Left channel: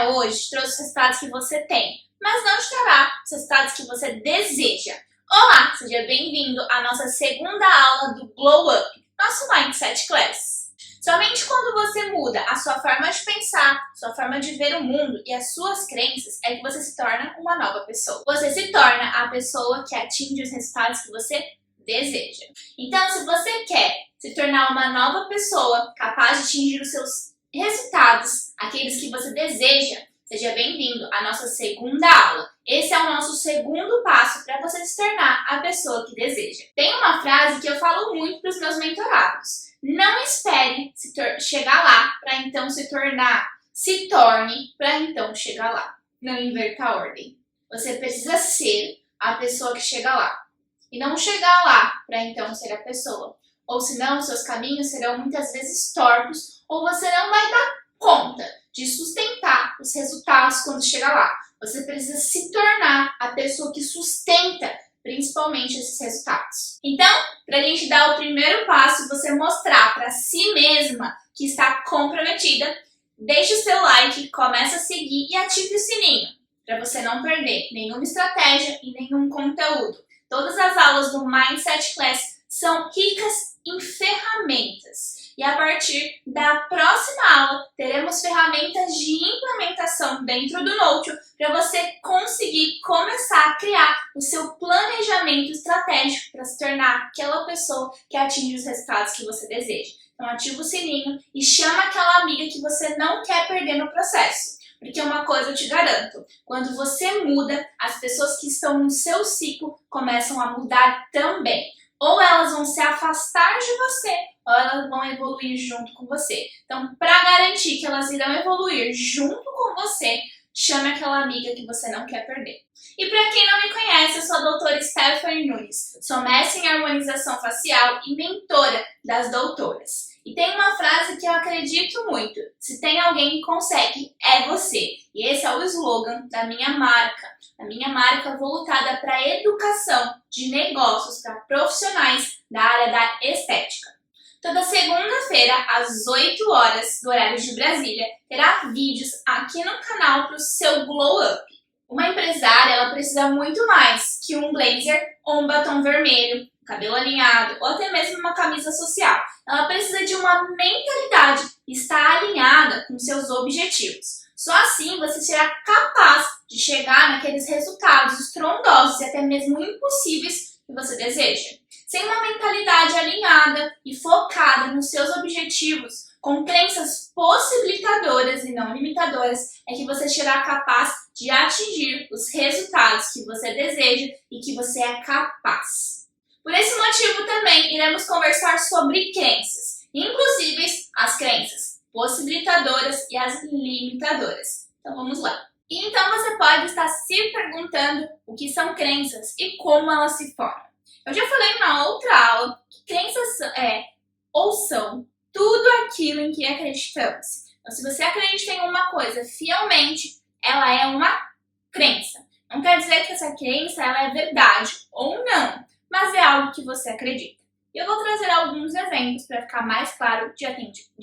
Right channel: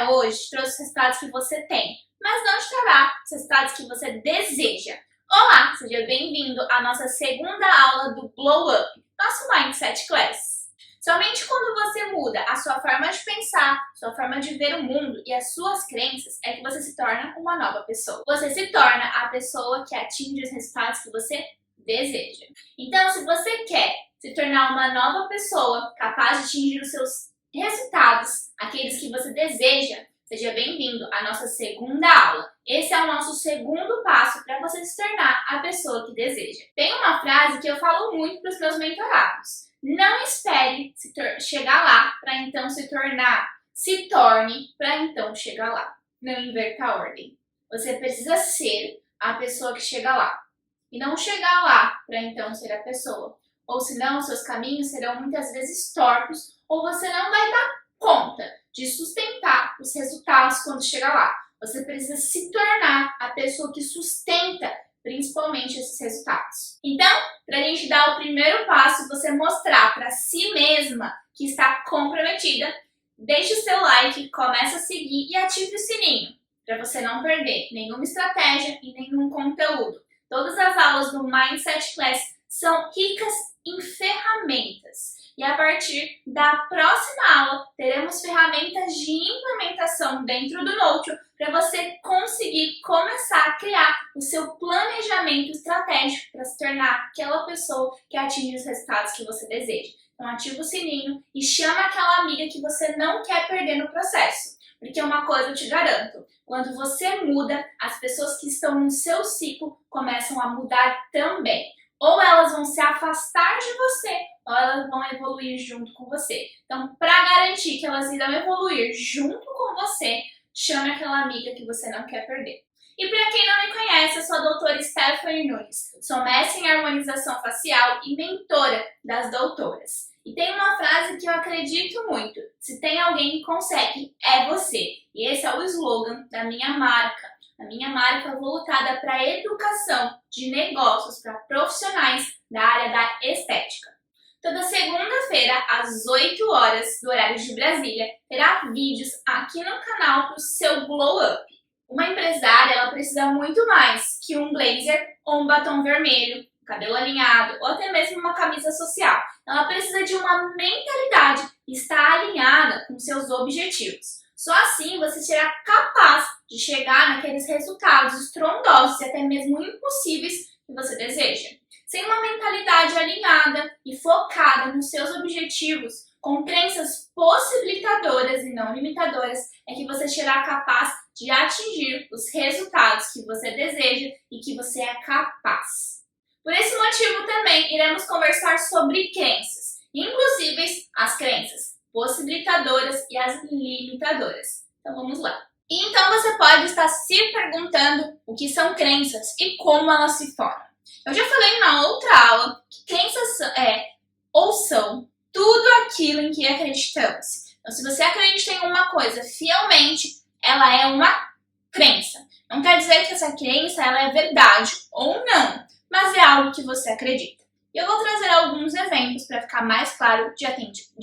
até hoje te trouxe os resultados que você tem, mas não te trará os resultados que você deseja. Olá, seja bem-vindo à nossa segunda aula do Glow Up, nosso Mindset Class. Somente quando você muda a sua forma de pensar, sua forma de ver o mundo e as suas crenças é que você se torna uma nova pessoa. Você se torna a pessoa que atinge os resultados que você deseja. Então, se você quer se tornar uma nova pessoa capaz de atingir os seus resultados, aqueles que você deseja, seja bem-vindo à nossa segunda aula. Esse é o nosso segundo passo para você se tornar a pessoa que deseja. Tem uma frase que eu falo muito para os meus mentorados. Não espere chegar lá para então se tornar. Se torne para então chegar lá. Não inverta a ordem. Você precisa ser a pessoa que chega lá. E não chegar lá para então ser a pessoa. Ou senão, seus caminhos serão muitas vezes tortos ou você não vai dar conta de sustentar os resultados quando chegar lá. Você precisa se tornar a pessoa que sustenta principalmente esses resultados. Então, para a gente dar o primeiro passo, você mostrar para si mesma que está comprometida, deixe o seu like, comece a seguir e ative o sininho para você não perder nenhuma estratégia e nenhum conteúdo. Todas as aulas do Mindset Class são ricas em ferramentas. E a partir da próxima aula, teremos ferramentas de implementação dentro do Notion para você conseguir começar a criar o seu planejamento estratégico para se tornar aquela pessoa que atinge os resultados que você deseja. Então ativa o sininho e chama aquela amiga que você não quer perder no processo. Porque uma coisa eu te garanto, quando você muda, as pessoas que estão no seu ciclo começam a mudar também. Ou elas vão se afastar de você, ou elas vão evoluir junto com você. Então, para garantir que elas irão evoluir junto com você, chame aquela amiga que você não quer perder. E para quem não me conhece, eu sou a doutora Stephanie Nunes. Sou mestre em harmonização facial e mentora das doutoras. E tem uma frase que eu acredito muito. Se tem alguém que consegue, é você. E esse é o slogan da minha marca. A minha marca voltada para a educação de negócios para profissionais da área da estética. Toda segunda-feira, às 8 horas do horário de Brasília, terá vídeos aqui no canal para o seu Glow Up. Uma empresária ela precisa muito mais que um blazer ou um batom vermelho, cabelo alinhado ou até mesmo uma camisa social. Ela precisa de uma mentalidade e estar alinhada com seus objetivos. Só assim você será capaz de chegar naqueles resultados estrondosos e até mesmo impossíveis que você deseja. Sem uma mentalidade alinhada e focada nos seus objetivos, com crenças possibilitadoras e não limitadoras, é que você será capaz de atingir os resultados que você deseja e que você é capaz. Por esse motivo também iremos conversar sobre crenças, inclusive as crenças possibilitadoras e as limitadoras. Então vamos lá. E então você pode estar se perguntando o que são crenças e como elas se formam. Eu já falei na outra aula que crenças são tudo aquilo em que acreditamos. Então se você acredita em uma coisa fielmente, ela é uma crença. Não quer dizer que essa crença ela é verdade ou não, mas é algo que você acredita. E eu vou trazer alguns exemplos para ficar mais claro de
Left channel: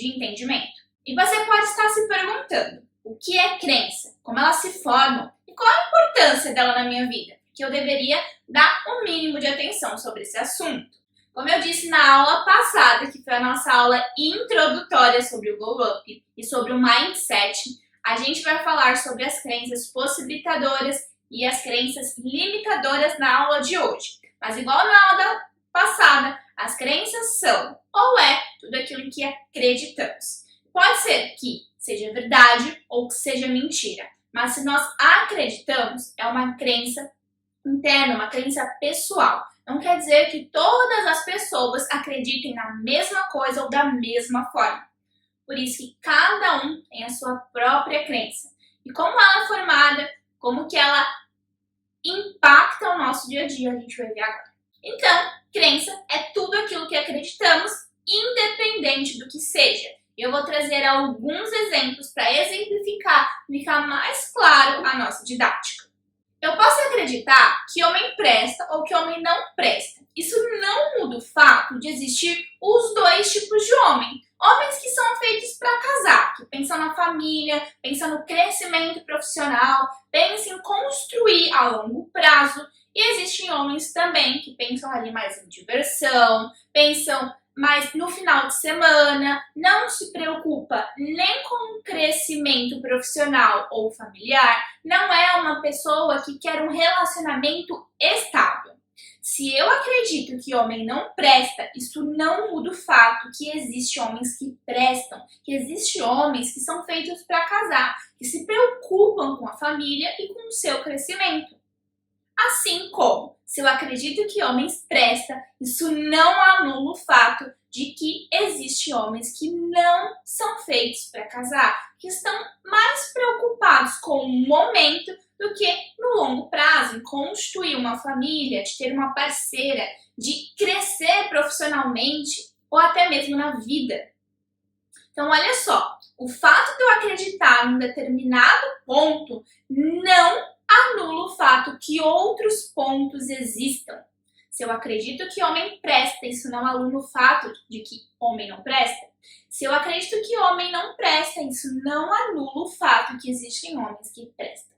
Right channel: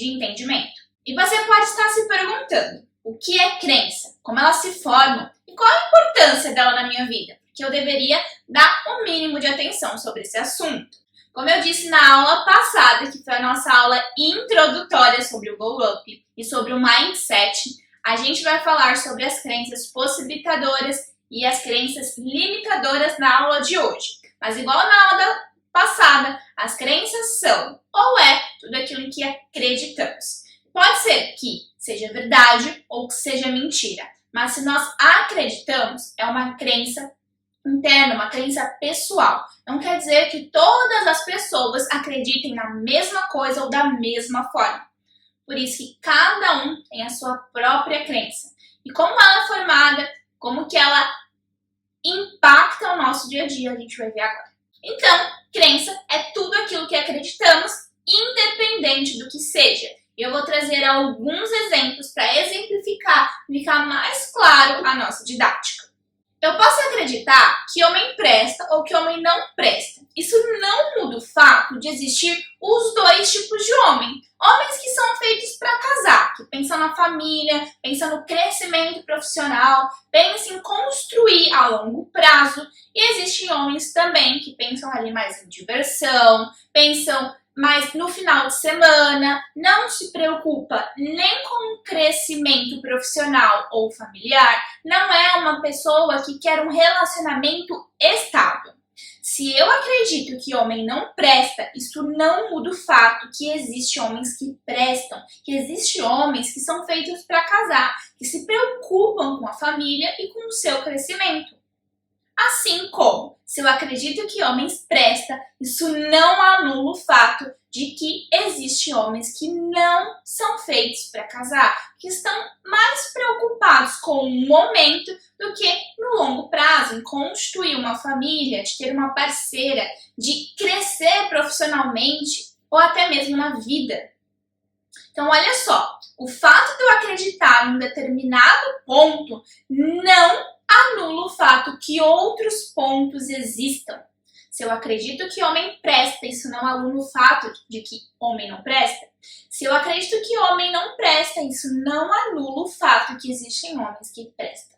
entendimento. E você pode estar se perguntando, o que é crença? Como elas se formam? E qual a importância dela na minha vida? Que eu deveria dar o mínimo de atenção sobre esse assunto. Como eu disse na aula passada, que foi a nossa aula introdutória sobre o Glow Up e sobre o Mindset, a gente vai falar sobre as crenças possibilitadoras e as crenças limitadoras na aula de hoje. Mas igual na aula passada, as crenças são ou é tudo aquilo em que acreditamos. Pode ser que seja verdade ou que seja mentira, mas se nós acreditamos, é uma crença interna, uma crença pessoal. Não quer dizer que todas as pessoas acreditem na mesma coisa ou da mesma forma. Por isso que cada um tem a sua própria crença. E como ela é formada, como que ela impacta o nosso dia a dia, a gente vai ver agora. Então, crença é tudo aquilo que acreditamos, independente do que seja. Eu vou trazer alguns exemplos para exemplificar e ficar mais claro a nossa didática. Eu posso acreditar que homem presta ou que homem não presta. isso não muda o fato de existir os dois tipos de homem. Homens que são feitos para casar, que pensam na família, pensam no crescimento profissional, pensam em construir a longo prazo. E existem homens também que pensam ali mais em diversão, pensam mais no final de semana, não se preocupa nem com o crescimento profissional ou familiar, não é uma pessoa que quer um relacionamento estável. Se eu acredito que homem não presta, isso não muda o fato que existem homens que prestam, que existem homens que são feitos para casar, que se preocupam com a família e com o seu crescimento. Assim como, se eu acredito que homens prestam, isso não anula o fato de que existem homens que não são feitos para casar, que estão mais preocupados com o momento do que no longo prazo, em construir uma família, de ter uma parceira, de crescer profissionalmente ou até mesmo na vida. Então, olha só, o fato de eu acreditar em um determinado ponto não anula o fato que outros pontos existam. Se eu acredito que homem presta, isso não anula o fato de que homem não presta. Se eu acredito que homem não presta, isso não anula o fato que existem homens que prestam.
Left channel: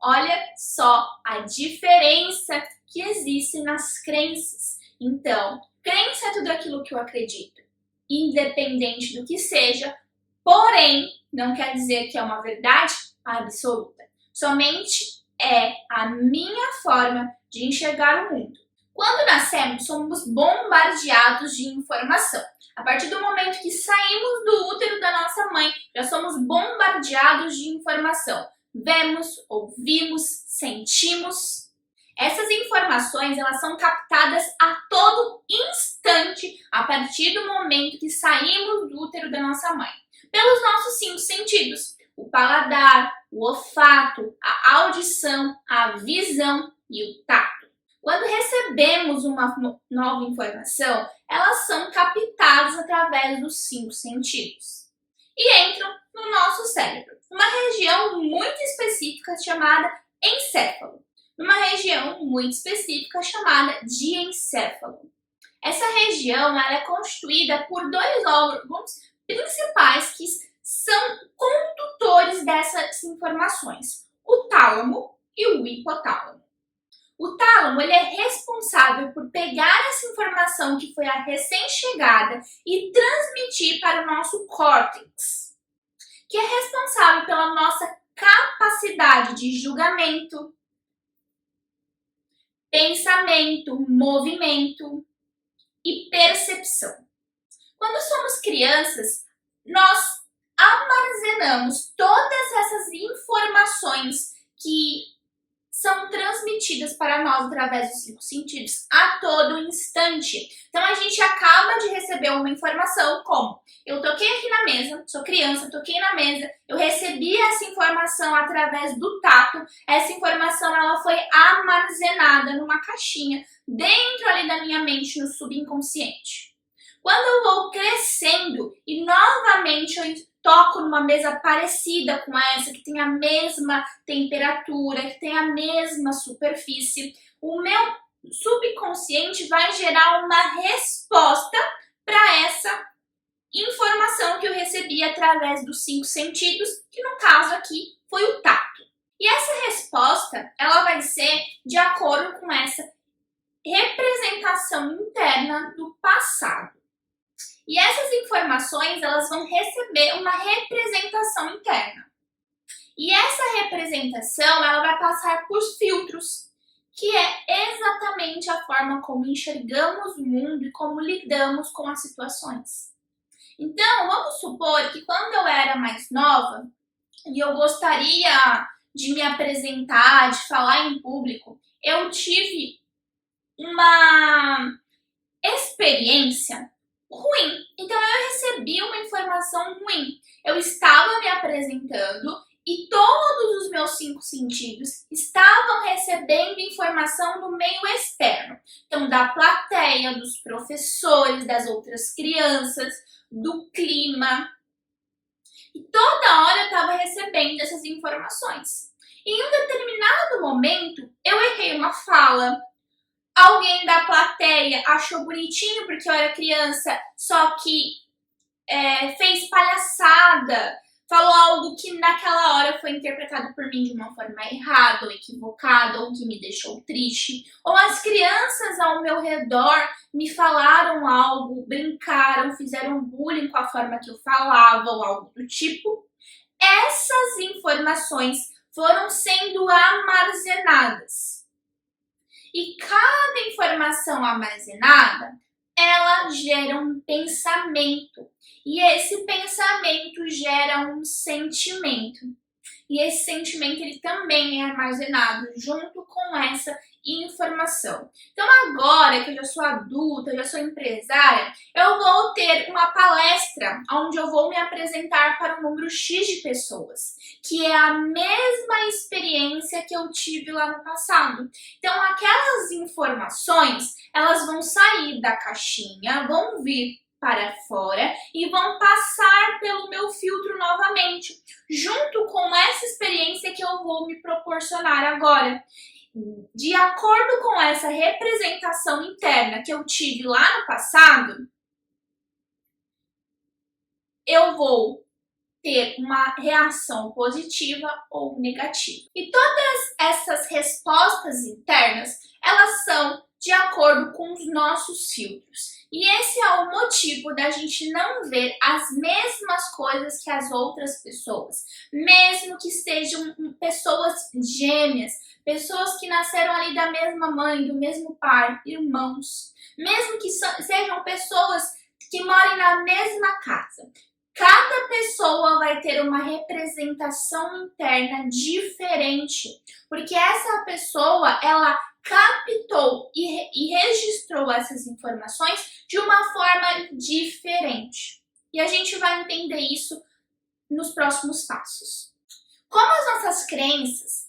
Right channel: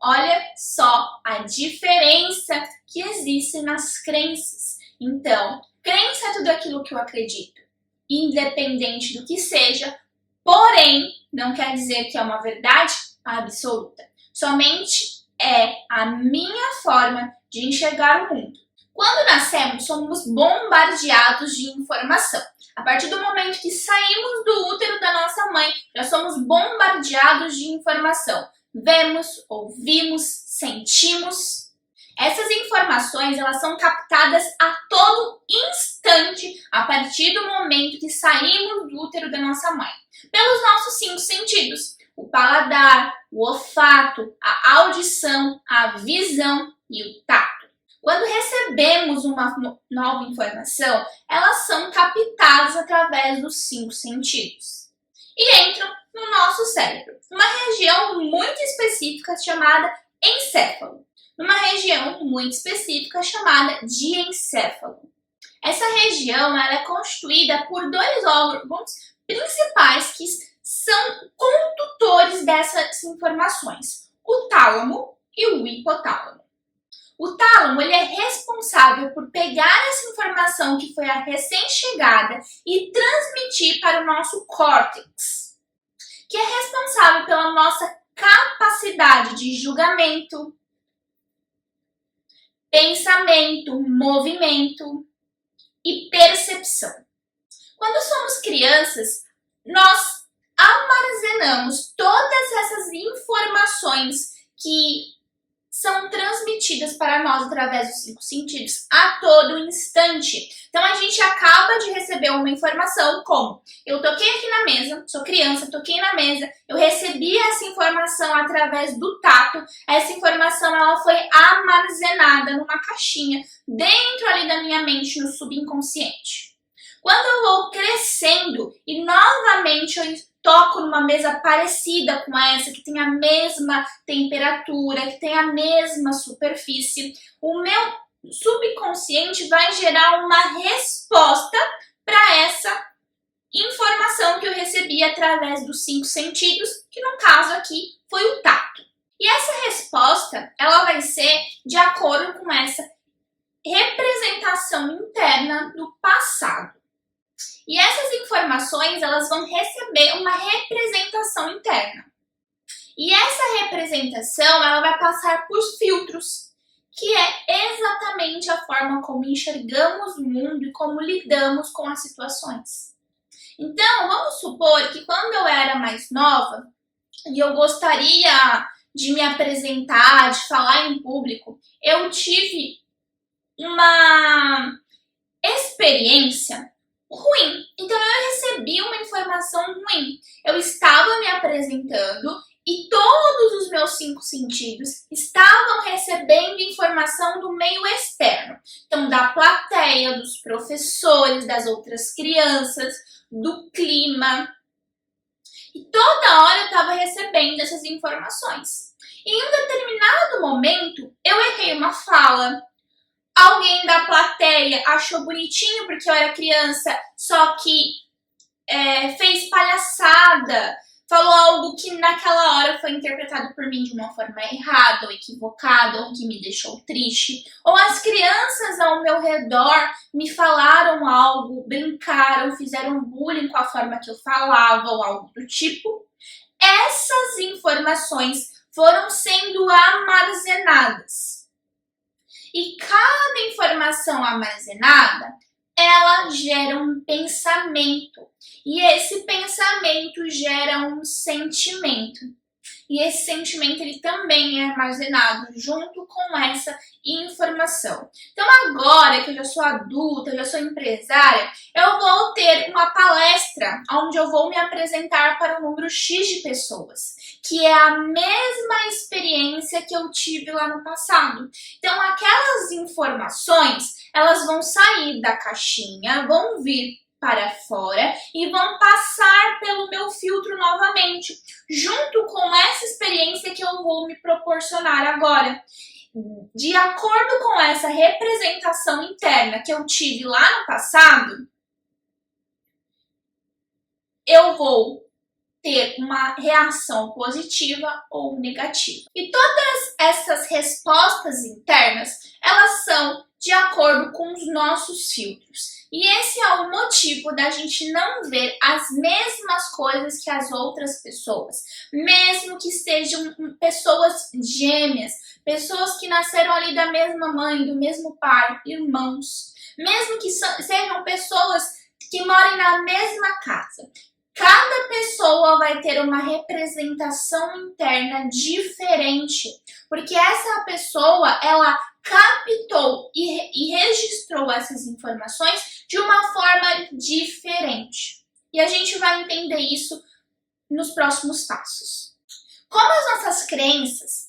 Olha só a diferença que existe nas crenças. Então, crença é tudo aquilo que eu acredito, independente do que seja, porém, não quer dizer que é uma verdade absoluta. Somente é a minha forma de enxergar o mundo. Quando nascemos, somos bombardeados de informação. A partir do momento que saímos do útero da nossa mãe, já somos bombardeados de informação. Vemos, ouvimos, sentimos. Essas informações, elas são captadas a todo instante a partir do momento que saímos do útero da nossa mãe, pelos nossos 5 sentidos: o paladar, o olfato, a audição, a visão e o tato. Quando recebemos uma nova informação, elas são captadas através dos 5 sentidos e entram no nosso cérebro, numa região muito específica chamada encéfalo, numa região muito específica chamada diencéfalo. Essa região ela é constituída por 2 órgãos principais que são condutores dessas informações: o tálamo e o hipotálamo. O tálamo ele é responsável por pegar essa informação que foi a recém-chegada e transmitir para o nosso córtex, que é responsável pela nossa capacidade de julgamento, pensamento, movimento e percepção. Quando somos crianças, nós armazenamos todas essas informações que são transmitidas para nós através dos 5 sentidos a todo instante. Então a gente acaba de receber uma informação como: eu toquei aqui na mesa, sou criança, toquei na mesa, eu recebi essa informação através do tato, essa informação ela foi armazenada numa caixinha dentro ali da minha mente, no subconsciente. Quando eu vou crescendo e novamente eu toco numa mesa parecida com essa, que tem a mesma temperatura, que tem a mesma superfície, o meu subconsciente vai gerar uma resposta para essa informação que eu recebi através dos 5 sentidos, que no caso aqui foi o tato. E essa resposta, ela vai ser de acordo com essa representação interna do passado. E essas informações, elas vão receber uma representação interna. E essa representação, ela vai passar por filtros, que é exatamente a forma como enxergamos o mundo e como lidamos com as situações. Então, vamos supor que quando eu era mais nova e eu gostaria de me apresentar, de falar em público, eu tive uma experiência ruim. Então eu recebi uma informação ruim. Eu estava me apresentando e todos os meus 5 sentidos estavam recebendo informação do meio externo. Então, da plateia, dos professores, das outras crianças, do clima. E toda hora eu estava recebendo essas informações. E em um determinado momento, eu errei uma fala, Alguém da plateia achou bonitinho porque eu era criança, só que fez palhaçada, falou algo que naquela hora foi interpretado por mim de uma forma errada ou equivocada, ou que me deixou triste. Ou as crianças ao meu redor me falaram algo, brincaram, fizeram bullying com a forma que eu falava ou algo do tipo. Essas informações foram sendo armazenadas. E cada informação armazenada, ela gera um pensamento. E esse pensamento gera um sentimento. E esse sentimento ele também é armazenado junto com essa informação. Então agora que eu já sou adulta, eu já sou empresária, eu vou ter uma palestra onde eu vou me apresentar para um número X de pessoas, que é a mesma experiência que eu tive lá no passado. Então aquelas informações, elas vão sair da caixinha, vão vir para fora e vão passar pelo meu filtro novamente, junto com essa experiência que eu vou me proporcionar agora. De acordo com essa representação interna que eu tive lá no passado, eu vou ter uma reação positiva ou negativa. E todas essas respostas internas, elas são de acordo com os nossos filtros. E esse é o motivo da gente não ver as mesmas coisas que as outras pessoas, mesmo que sejam pessoas gêmeas, pessoas que nasceram ali da mesma mãe, do mesmo pai, irmãos, mesmo que sejam pessoas que morem na mesma casa. Cada pessoa vai ter uma representação interna diferente, porque essa pessoa, ela captou e registrou essas informações de uma forma diferente. E a gente vai entender isso nos próximos passos. Como as nossas crenças,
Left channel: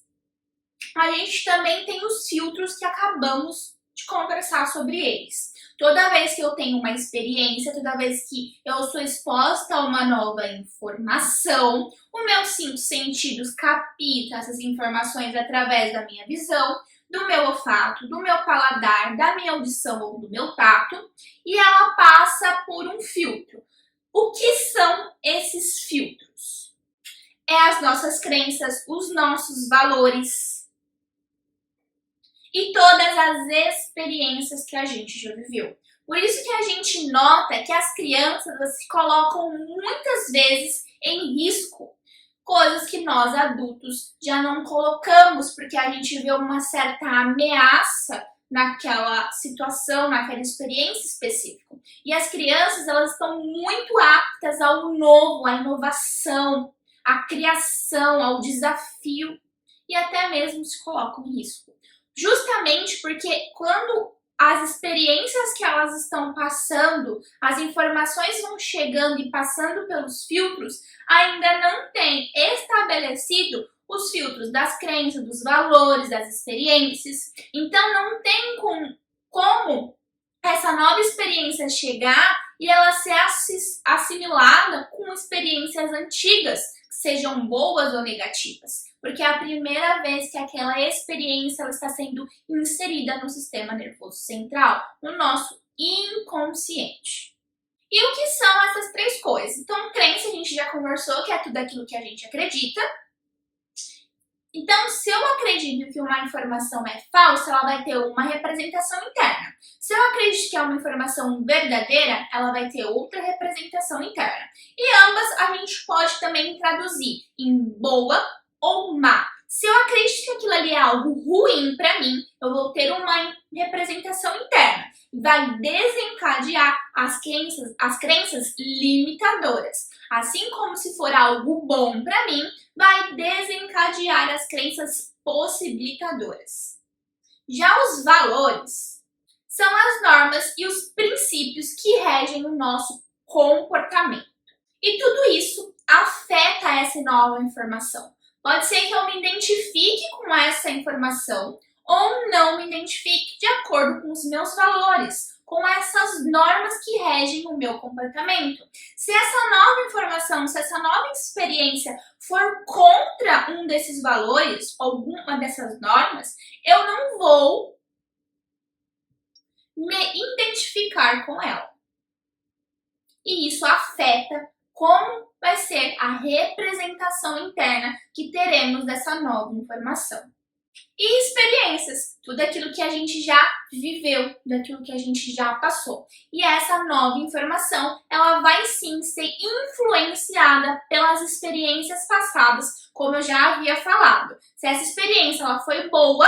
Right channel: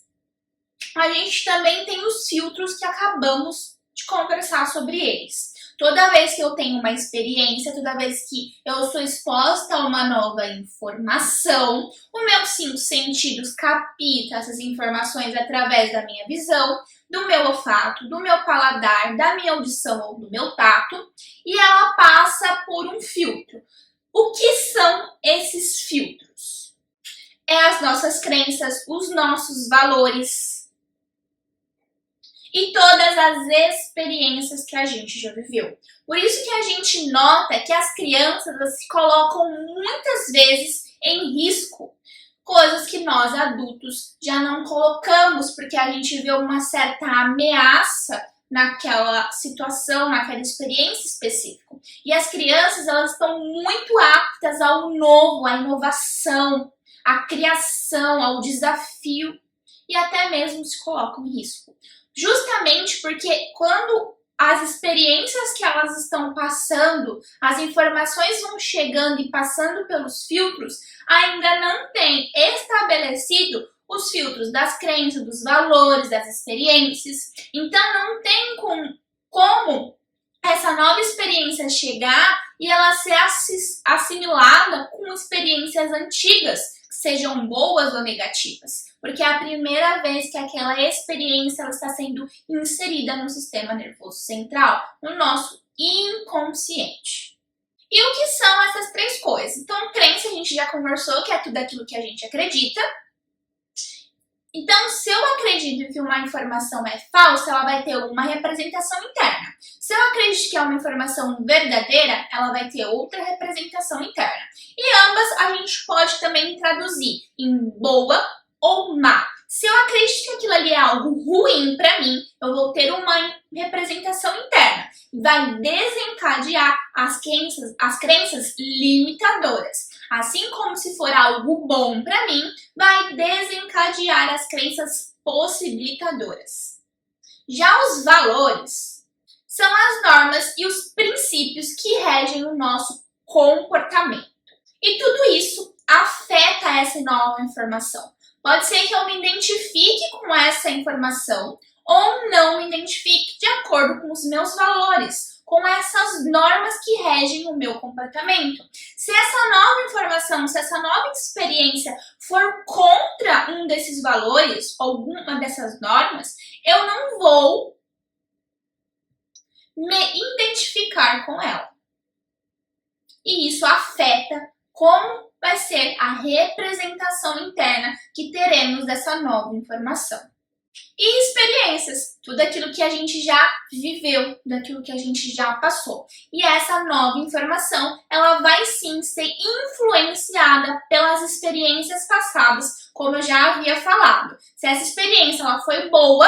a gente também tem os filtros que acabamos de conversar sobre eles. Toda vez que eu tenho uma experiência, toda vez que eu sou exposta a uma nova informação, os meus 5 sentidos captam essas informações através da minha visão, do meu olfato, do meu paladar, da minha audição ou do meu tato, e ela passa por um filtro. O que são esses filtros? É as nossas crenças, os nossos valores e todas as experiências que a gente já viveu. Por isso que a gente nota que as crianças se colocam muitas vezes em risco, coisas que nós adultos já não colocamos, porque a gente vê uma certa ameaça naquela situação, naquela experiência específica. E as crianças, elas estão muito aptas ao novo, à inovação, à criação, ao desafio, e até mesmo se colocam em risco. Justamente porque quando as experiências que elas estão passando, as informações vão chegando e passando pelos filtros, ainda não tem estabelecido os filtros das crenças, dos valores, das experiências. Então não tem como essa nova experiência chegar e ela ser assimilada com experiências antigas, sejam boas ou negativas, porque é a primeira vez que aquela experiência ela está sendo inserida no sistema nervoso central, no nosso inconsciente. E o que são essas 3 coisas? Então, crença a gente já conversou, que é tudo aquilo que a gente acredita. Então, se eu acredito que uma informação é falsa, ela vai ter uma representação interna. Se eu acredito que é uma informação verdadeira, ela vai ter outra representação interna. E ambas a gente pode também traduzir em boa ou má. Se eu acredito que aquilo ali é algo ruim para mim, eu vou ter uma representação interna. Vai desencadear as crenças limitadoras. Assim como se for algo bom para mim, vai desencadear as crenças possibilitadoras. Já os valores são as normas e os princípios que regem o nosso comportamento. E tudo isso afeta essa nova informação. Pode ser que eu me identifique com essa informação ou não me identifique de acordo com os meus valores, com essas normas que regem o meu comportamento. Se essa nova informação, se essa nova experiência for contra um desses valores, alguma dessas normas, eu não vou me identificar com ela. E isso afeta como vai ser a representação interna que teremos dessa nova informação. E experiências, tudo aquilo que a gente já viveu, daquilo que a gente já passou. E essa nova informação, ela vai sim ser influenciada pelas experiências passadas, como eu já havia falado. Se essa experiência ela foi boa,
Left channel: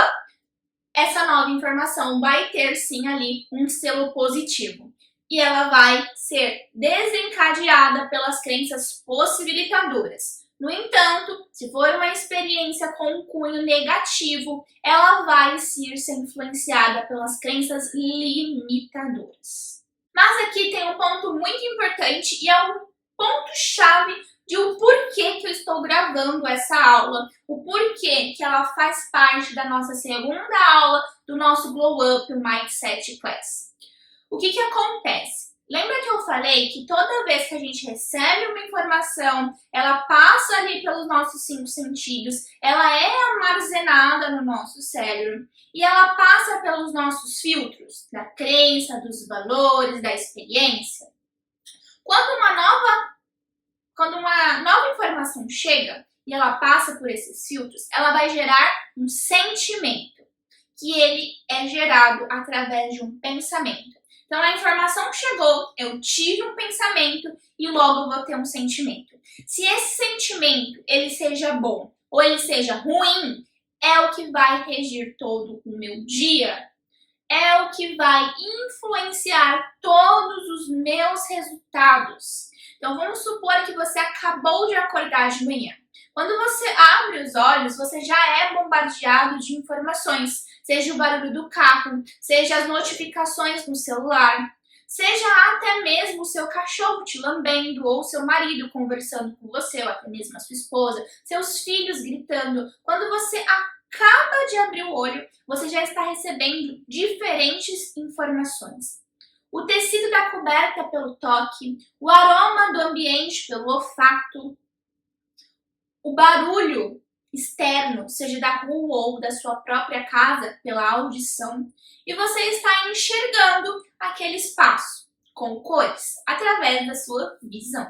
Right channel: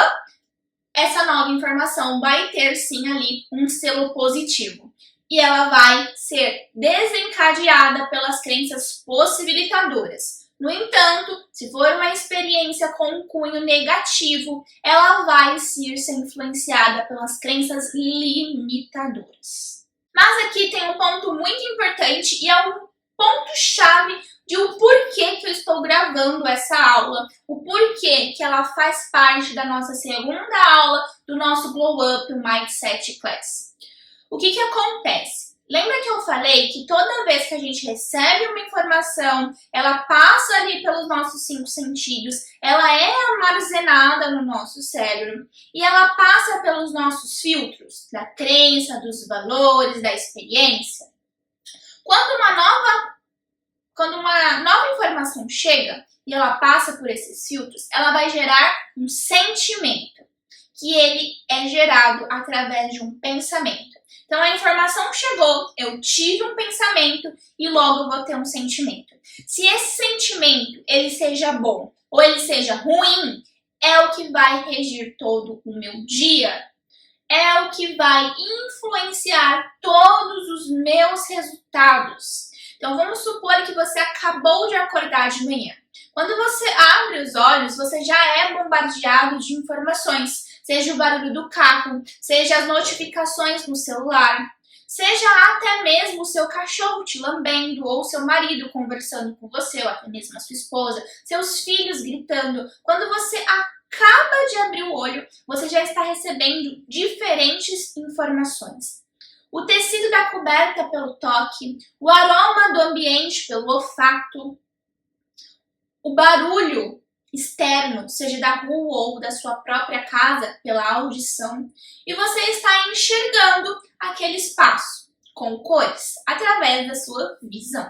essa nova informação vai ter sim ali um selo positivo. E ela vai ser desencadeada pelas crenças possibilitadoras. No entanto, se for uma experiência com um cunho negativo, ela vai ser influenciada pelas crenças limitadoras. Mas aqui tem um ponto muito importante e é um ponto-chave de o porquê que eu estou gravando essa aula, o porquê que ela faz parte da nossa segunda aula do nosso Glow Up Mindset Class. O que acontece? Lembra que eu falei que toda vez que a gente recebe uma informação, ela passa ali pelos nossos 5 sentidos, ela é armazenada no nosso cérebro e ela passa pelos nossos filtros, da crença, dos valores, da experiência. Quando uma nova informação chega e ela passa por esses filtros, ela vai gerar um sentimento, que ele é gerado através de um pensamento. Então, a informação chegou, eu tive um pensamento e logo eu vou ter um sentimento. Se esse sentimento ele seja bom ou ele seja ruim, é o que vai regir todo o meu dia. É o que vai influenciar todos os meus resultados. Então, vamos supor que você acabou de acordar de manhã. Quando você abre os olhos, você já é bombardeado de informações. Seja o barulho do carro, seja as notificações no celular, seja até mesmo o seu cachorro te lambendo, ou seu marido conversando com você, ou até mesmo a sua esposa, seus filhos gritando. Quando você acaba de abrir o olho, você já está recebendo diferentes informações. O tecido da coberta pelo toque, o aroma do ambiente pelo olfato, o barulho externo, seja da rua ou da sua própria casa, pela audição, e você está enxergando aquele espaço com cores através da sua visão.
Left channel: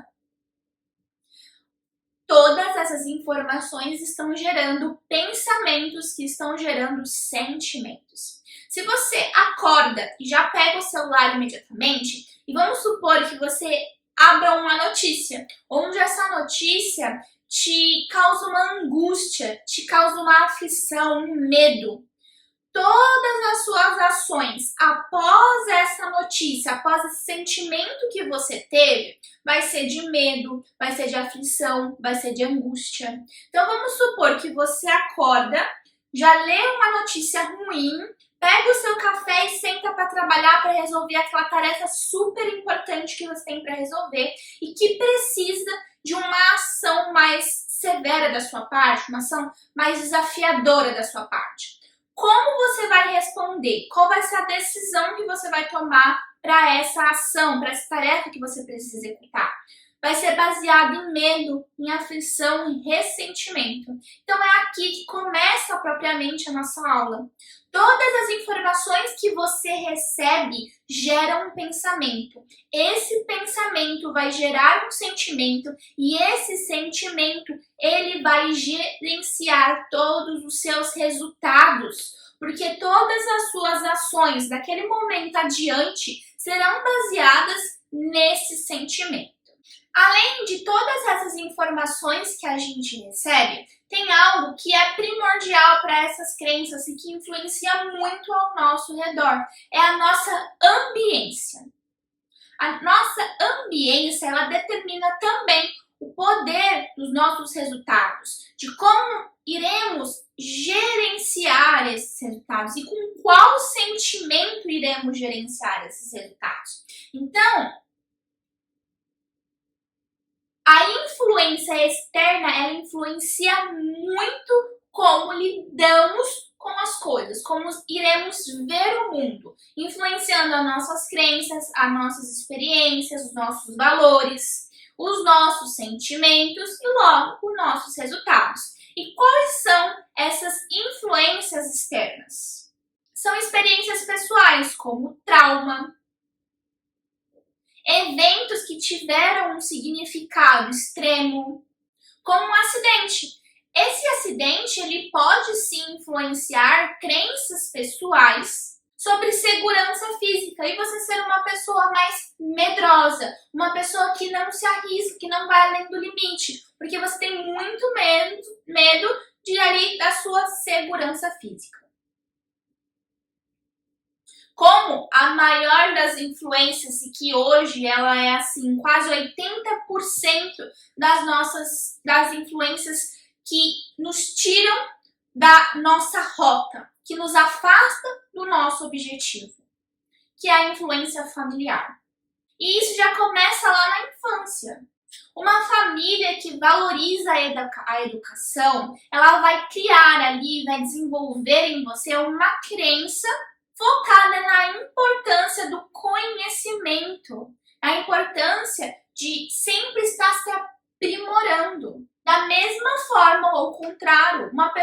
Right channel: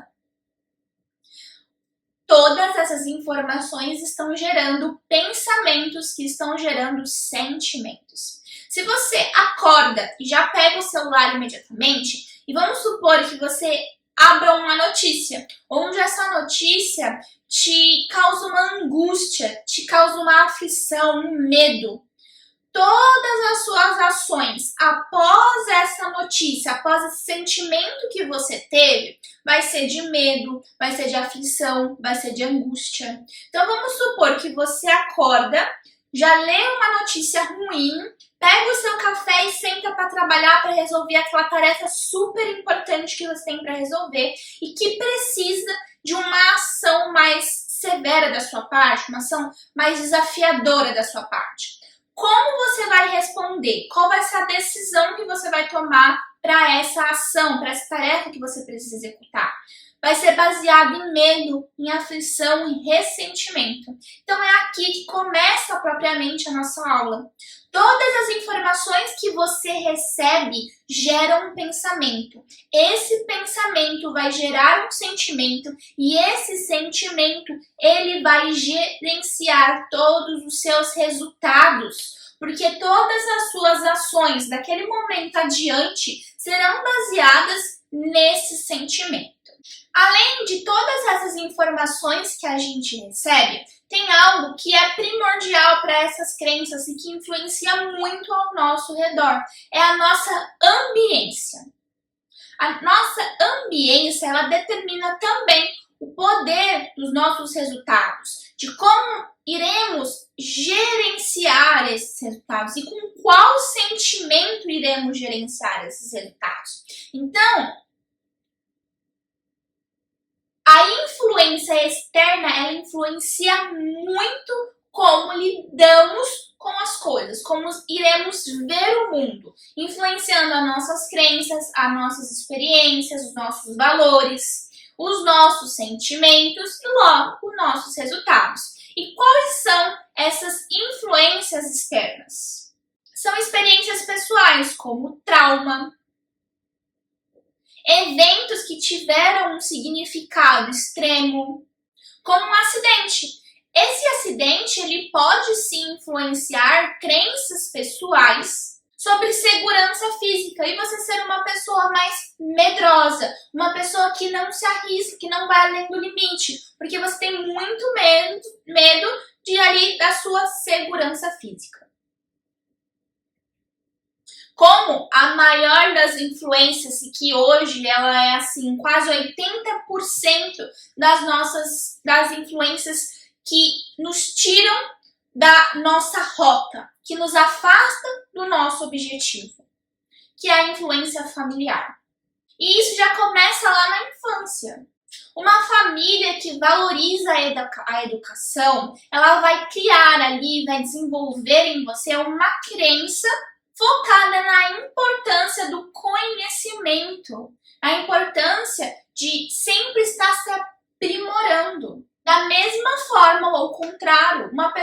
Todas essas informações estão gerando pensamentos que estão gerando sentimentos. Se você acorda e já pega o celular imediatamente, e vamos supor que você abra uma notícia, onde essa notícia te causa uma angústia, te causa uma aflição, um medo. Todas as suas ações após essa notícia, após esse sentimento que você teve, vai ser de medo, vai ser de aflição, vai ser de angústia. Então vamos supor que você acorda, já lê uma notícia ruim, pega o seu café e senta para trabalhar, para resolver aquela tarefa super importante que você tem para resolver e que precisa de uma ação mais severa da sua parte, uma ação mais desafiadora da sua parte. Como você vai responder? Qual vai ser a decisão que você vai tomar para essa ação, para essa tarefa que você precisa executar? Vai ser baseado em medo, em aflição, em ressentimento. Então é aqui que começa propriamente a nossa aula. Todas as informações que você recebe geram um pensamento. Esse pensamento vai gerar um sentimento e esse sentimento ele vai gerenciar todos os seus resultados. Porque todas as suas ações daquele momento adiante serão baseadas nesse sentimento. Além de todas essas informações que a gente recebe, tem algo que é primordial para essas crenças e que influencia muito ao nosso redor. É a nossa ambiência. A nossa ambiência, ela determina também o poder dos nossos resultados, de como iremos gerenciar esses resultados e com qual sentimento iremos gerenciar esses resultados. Então, a influência externa, ela influencia muito como lidamos com as coisas, como iremos ver o mundo, influenciando as nossas crenças, as nossas experiências, os nossos valores, os nossos sentimentos e logo os nossos resultados. E quais são essas influências externas? são experiências pessoais, como trauma, eventos que tiveram um significado extremo, como um acidente. Esse acidente ele pode sim influenciar crenças pessoais sobre segurança física e você ser uma pessoa mais medrosa, uma pessoa que não se arrisca, que não vai além do limite, porque você tem muito medo de ali da sua segurança física. Como a maior das influências, e que hoje ela é assim, quase 80% das influências que nos tiram da nossa rota, que nos afasta do nosso objetivo, que é a influência familiar. E isso já começa lá na infância. Uma família que valoriza a educação, ela vai criar ali, vai desenvolver em você uma crença focada na importância do conhecimento, a importância de sempre estar se aprimorando. Da mesma forma, ou ao contrário, uma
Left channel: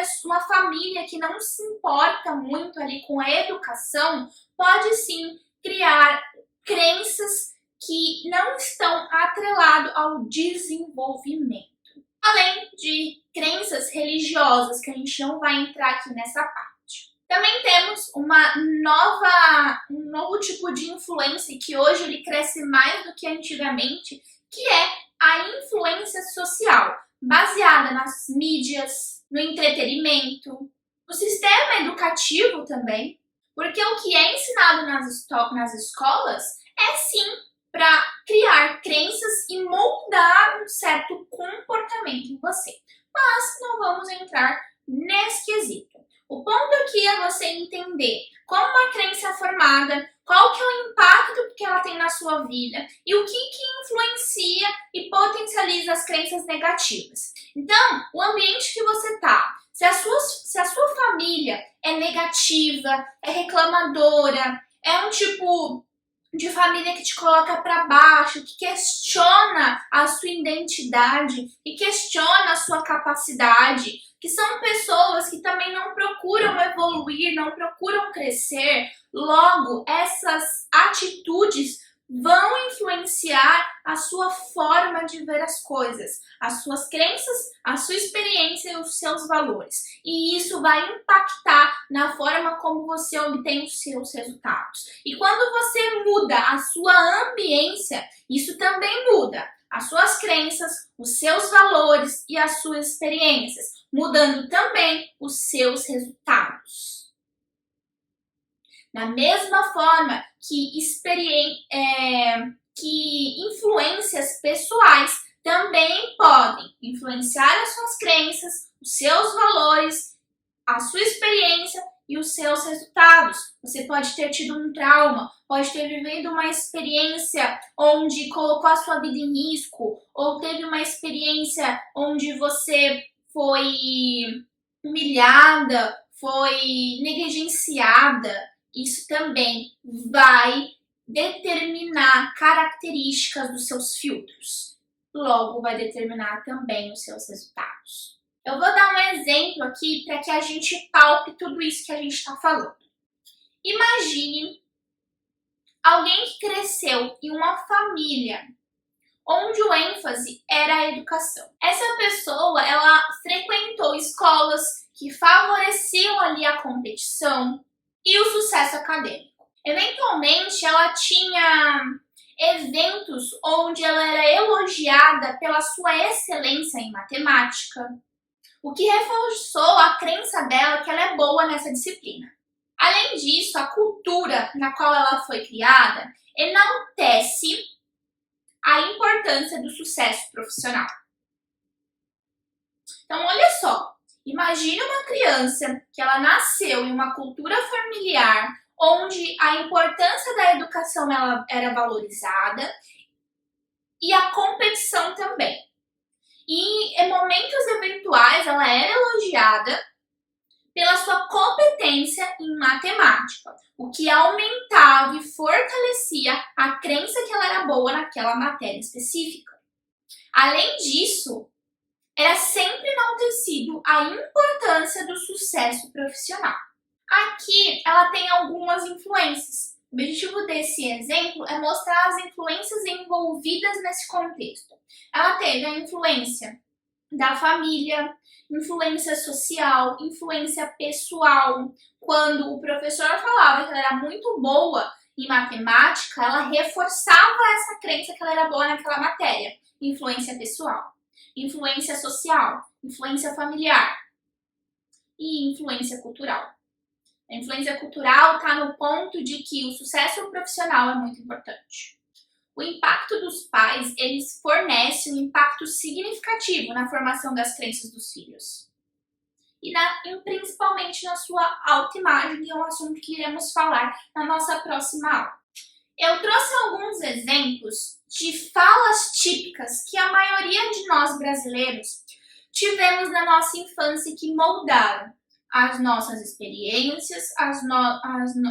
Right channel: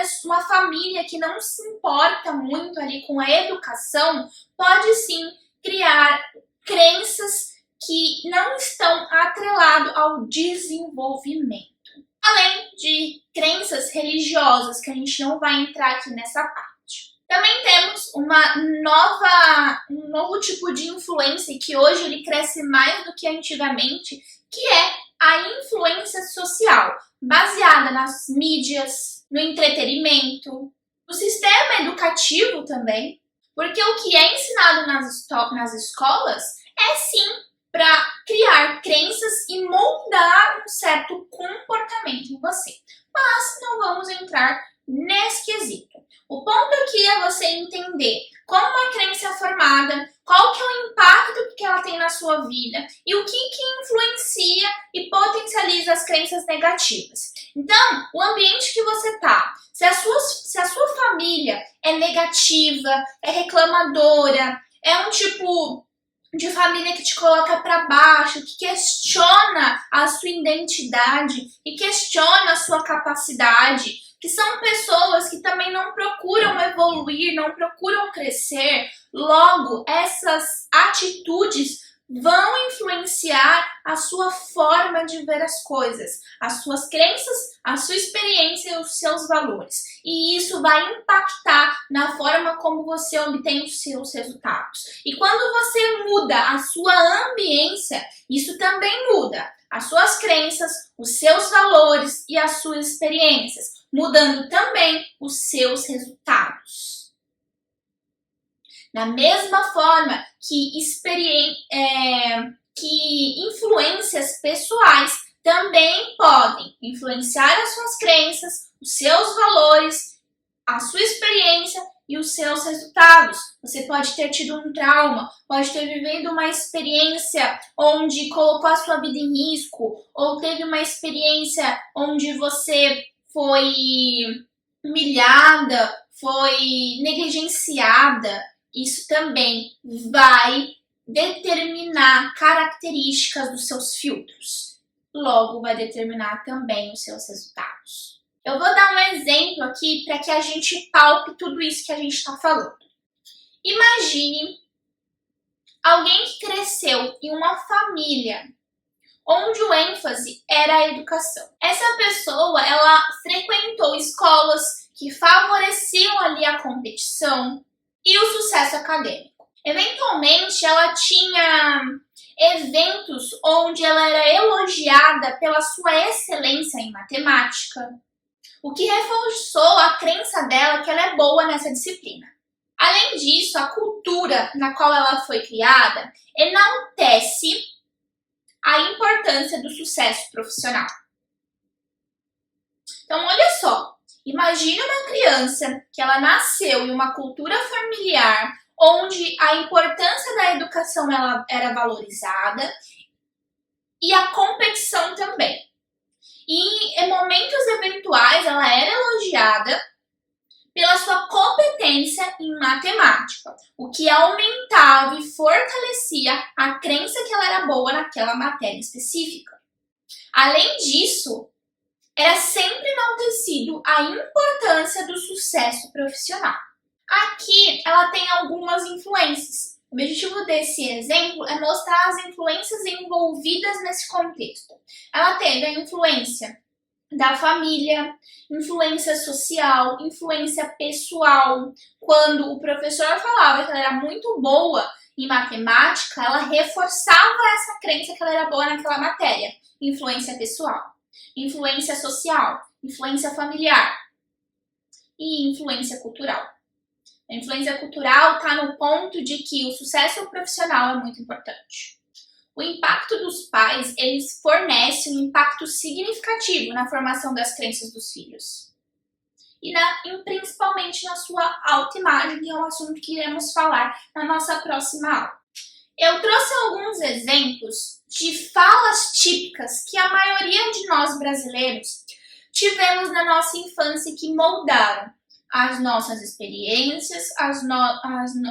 família que não se importa muito ali com a educação pode sim criar crenças que não estão atreladas ao desenvolvimento. Além de crenças religiosas, que a gente não vai entrar aqui nessa parte. Também temos um novo tipo de influência que hoje ele cresce mais do que antigamente, que é a influência social, baseada nas mídias, no entretenimento, no sistema educativo também, porque o que é ensinado nas escolas é sim para criar crenças e moldar um certo comportamento em você. Mas não vamos entrar nesse quesito. O ponto aqui é você entender como uma crença é formada, qual que é o impacto que ela tem na sua vida e o que influencia e potencializa as crenças negativas. Então, o ambiente que você tá, se a sua família é negativa, é reclamadora, é um tipo de família que te coloca para baixo, que questiona a sua identidade e questiona a sua capacidade, que são pessoas que também não procuram evoluir, não procuram crescer. Logo, essas atitudes vão influenciar a sua forma de ver as coisas, as suas crenças, a sua experiência e os seus valores. E isso vai impactar na forma como você obtém os seus resultados. E quando você muda a sua ambiência, isso também muda as suas crenças, os seus valores e as suas experiências, mudando também os seus resultados. Da mesma forma que influências pessoais também podem influenciar as suas crenças, os seus valores, a sua experiência e os seus resultados. Você pode ter tido um trauma, pode ter vivido uma experiência onde colocou a sua vida em risco, ou teve uma experiência onde você foi humilhada, foi negligenciada. Isso também vai determinar características dos seus filtros. Logo, vai determinar também os seus resultados. Eu vou dar um exemplo aqui para que a gente palpe tudo isso que a gente está falando. Imagine alguém que cresceu em uma família onde o ênfase era a educação. Essa pessoa, ela frequentou escolas que favoreciam ali a competição e o sucesso acadêmico. Eventualmente, ela tinha eventos onde ela era elogiada pela sua excelência em matemática, o que reforçou a crença dela que ela é boa nessa disciplina. Além disso, a cultura na qual ela foi criada enaltece a importância do sucesso profissional. Então, olha só. Imagine uma criança que ela nasceu em uma cultura familiar onde a importância da educação ela era valorizada e a competição também. E em momentos eventuais ela era elogiada pela sua competência em matemática, o que aumentava e fortalecia a crença que ela era boa naquela matéria específica. Além disso, era sempre enaltecido a importância do sucesso profissional. Aqui ela tem algumas influências. O objetivo desse exemplo é mostrar as influências envolvidas nesse contexto. Ela teve a influência da família, influência social, influência pessoal. Quando o professor falava que ela era muito boa em matemática, ela reforçava essa crença que ela era boa naquela matéria. Influência pessoal, influência social, influência familiar e influência cultural. A influência cultural está no ponto de que o sucesso profissional é muito importante. O impacto dos pais, eles fornecem um impacto significativo na formação das crenças dos filhos. E principalmente na sua autoimagem, que é um assunto que iremos falar na nossa próxima aula. Eu trouxe alguns exemplos de falas típicas que a maioria de nós brasileiros tivemos na nossa infância e que moldaram as nossas experiências,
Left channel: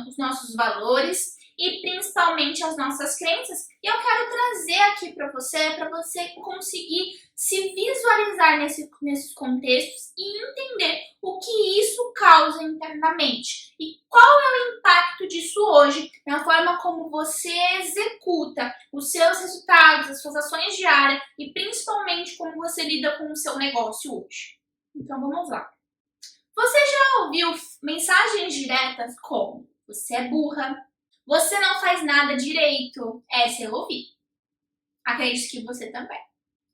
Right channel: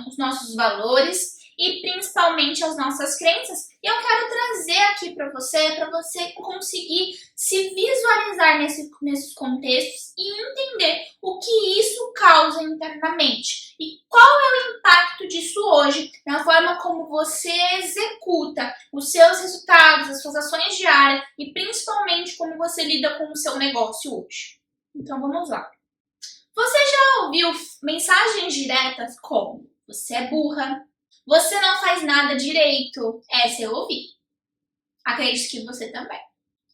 os nossos valores e principalmente as nossas crenças. E eu quero trazer aqui para você conseguir se visualizar nesses contextos e entender o que isso causa internamente e qual é o impacto disso hoje na forma como você executa os seus resultados, as suas ações diárias e principalmente como você lida com o seu negócio hoje. Então vamos lá. Você já ouviu mensagens diretas como: você é burra, você não faz nada direito? Essa eu ouvi. Acredito que você também.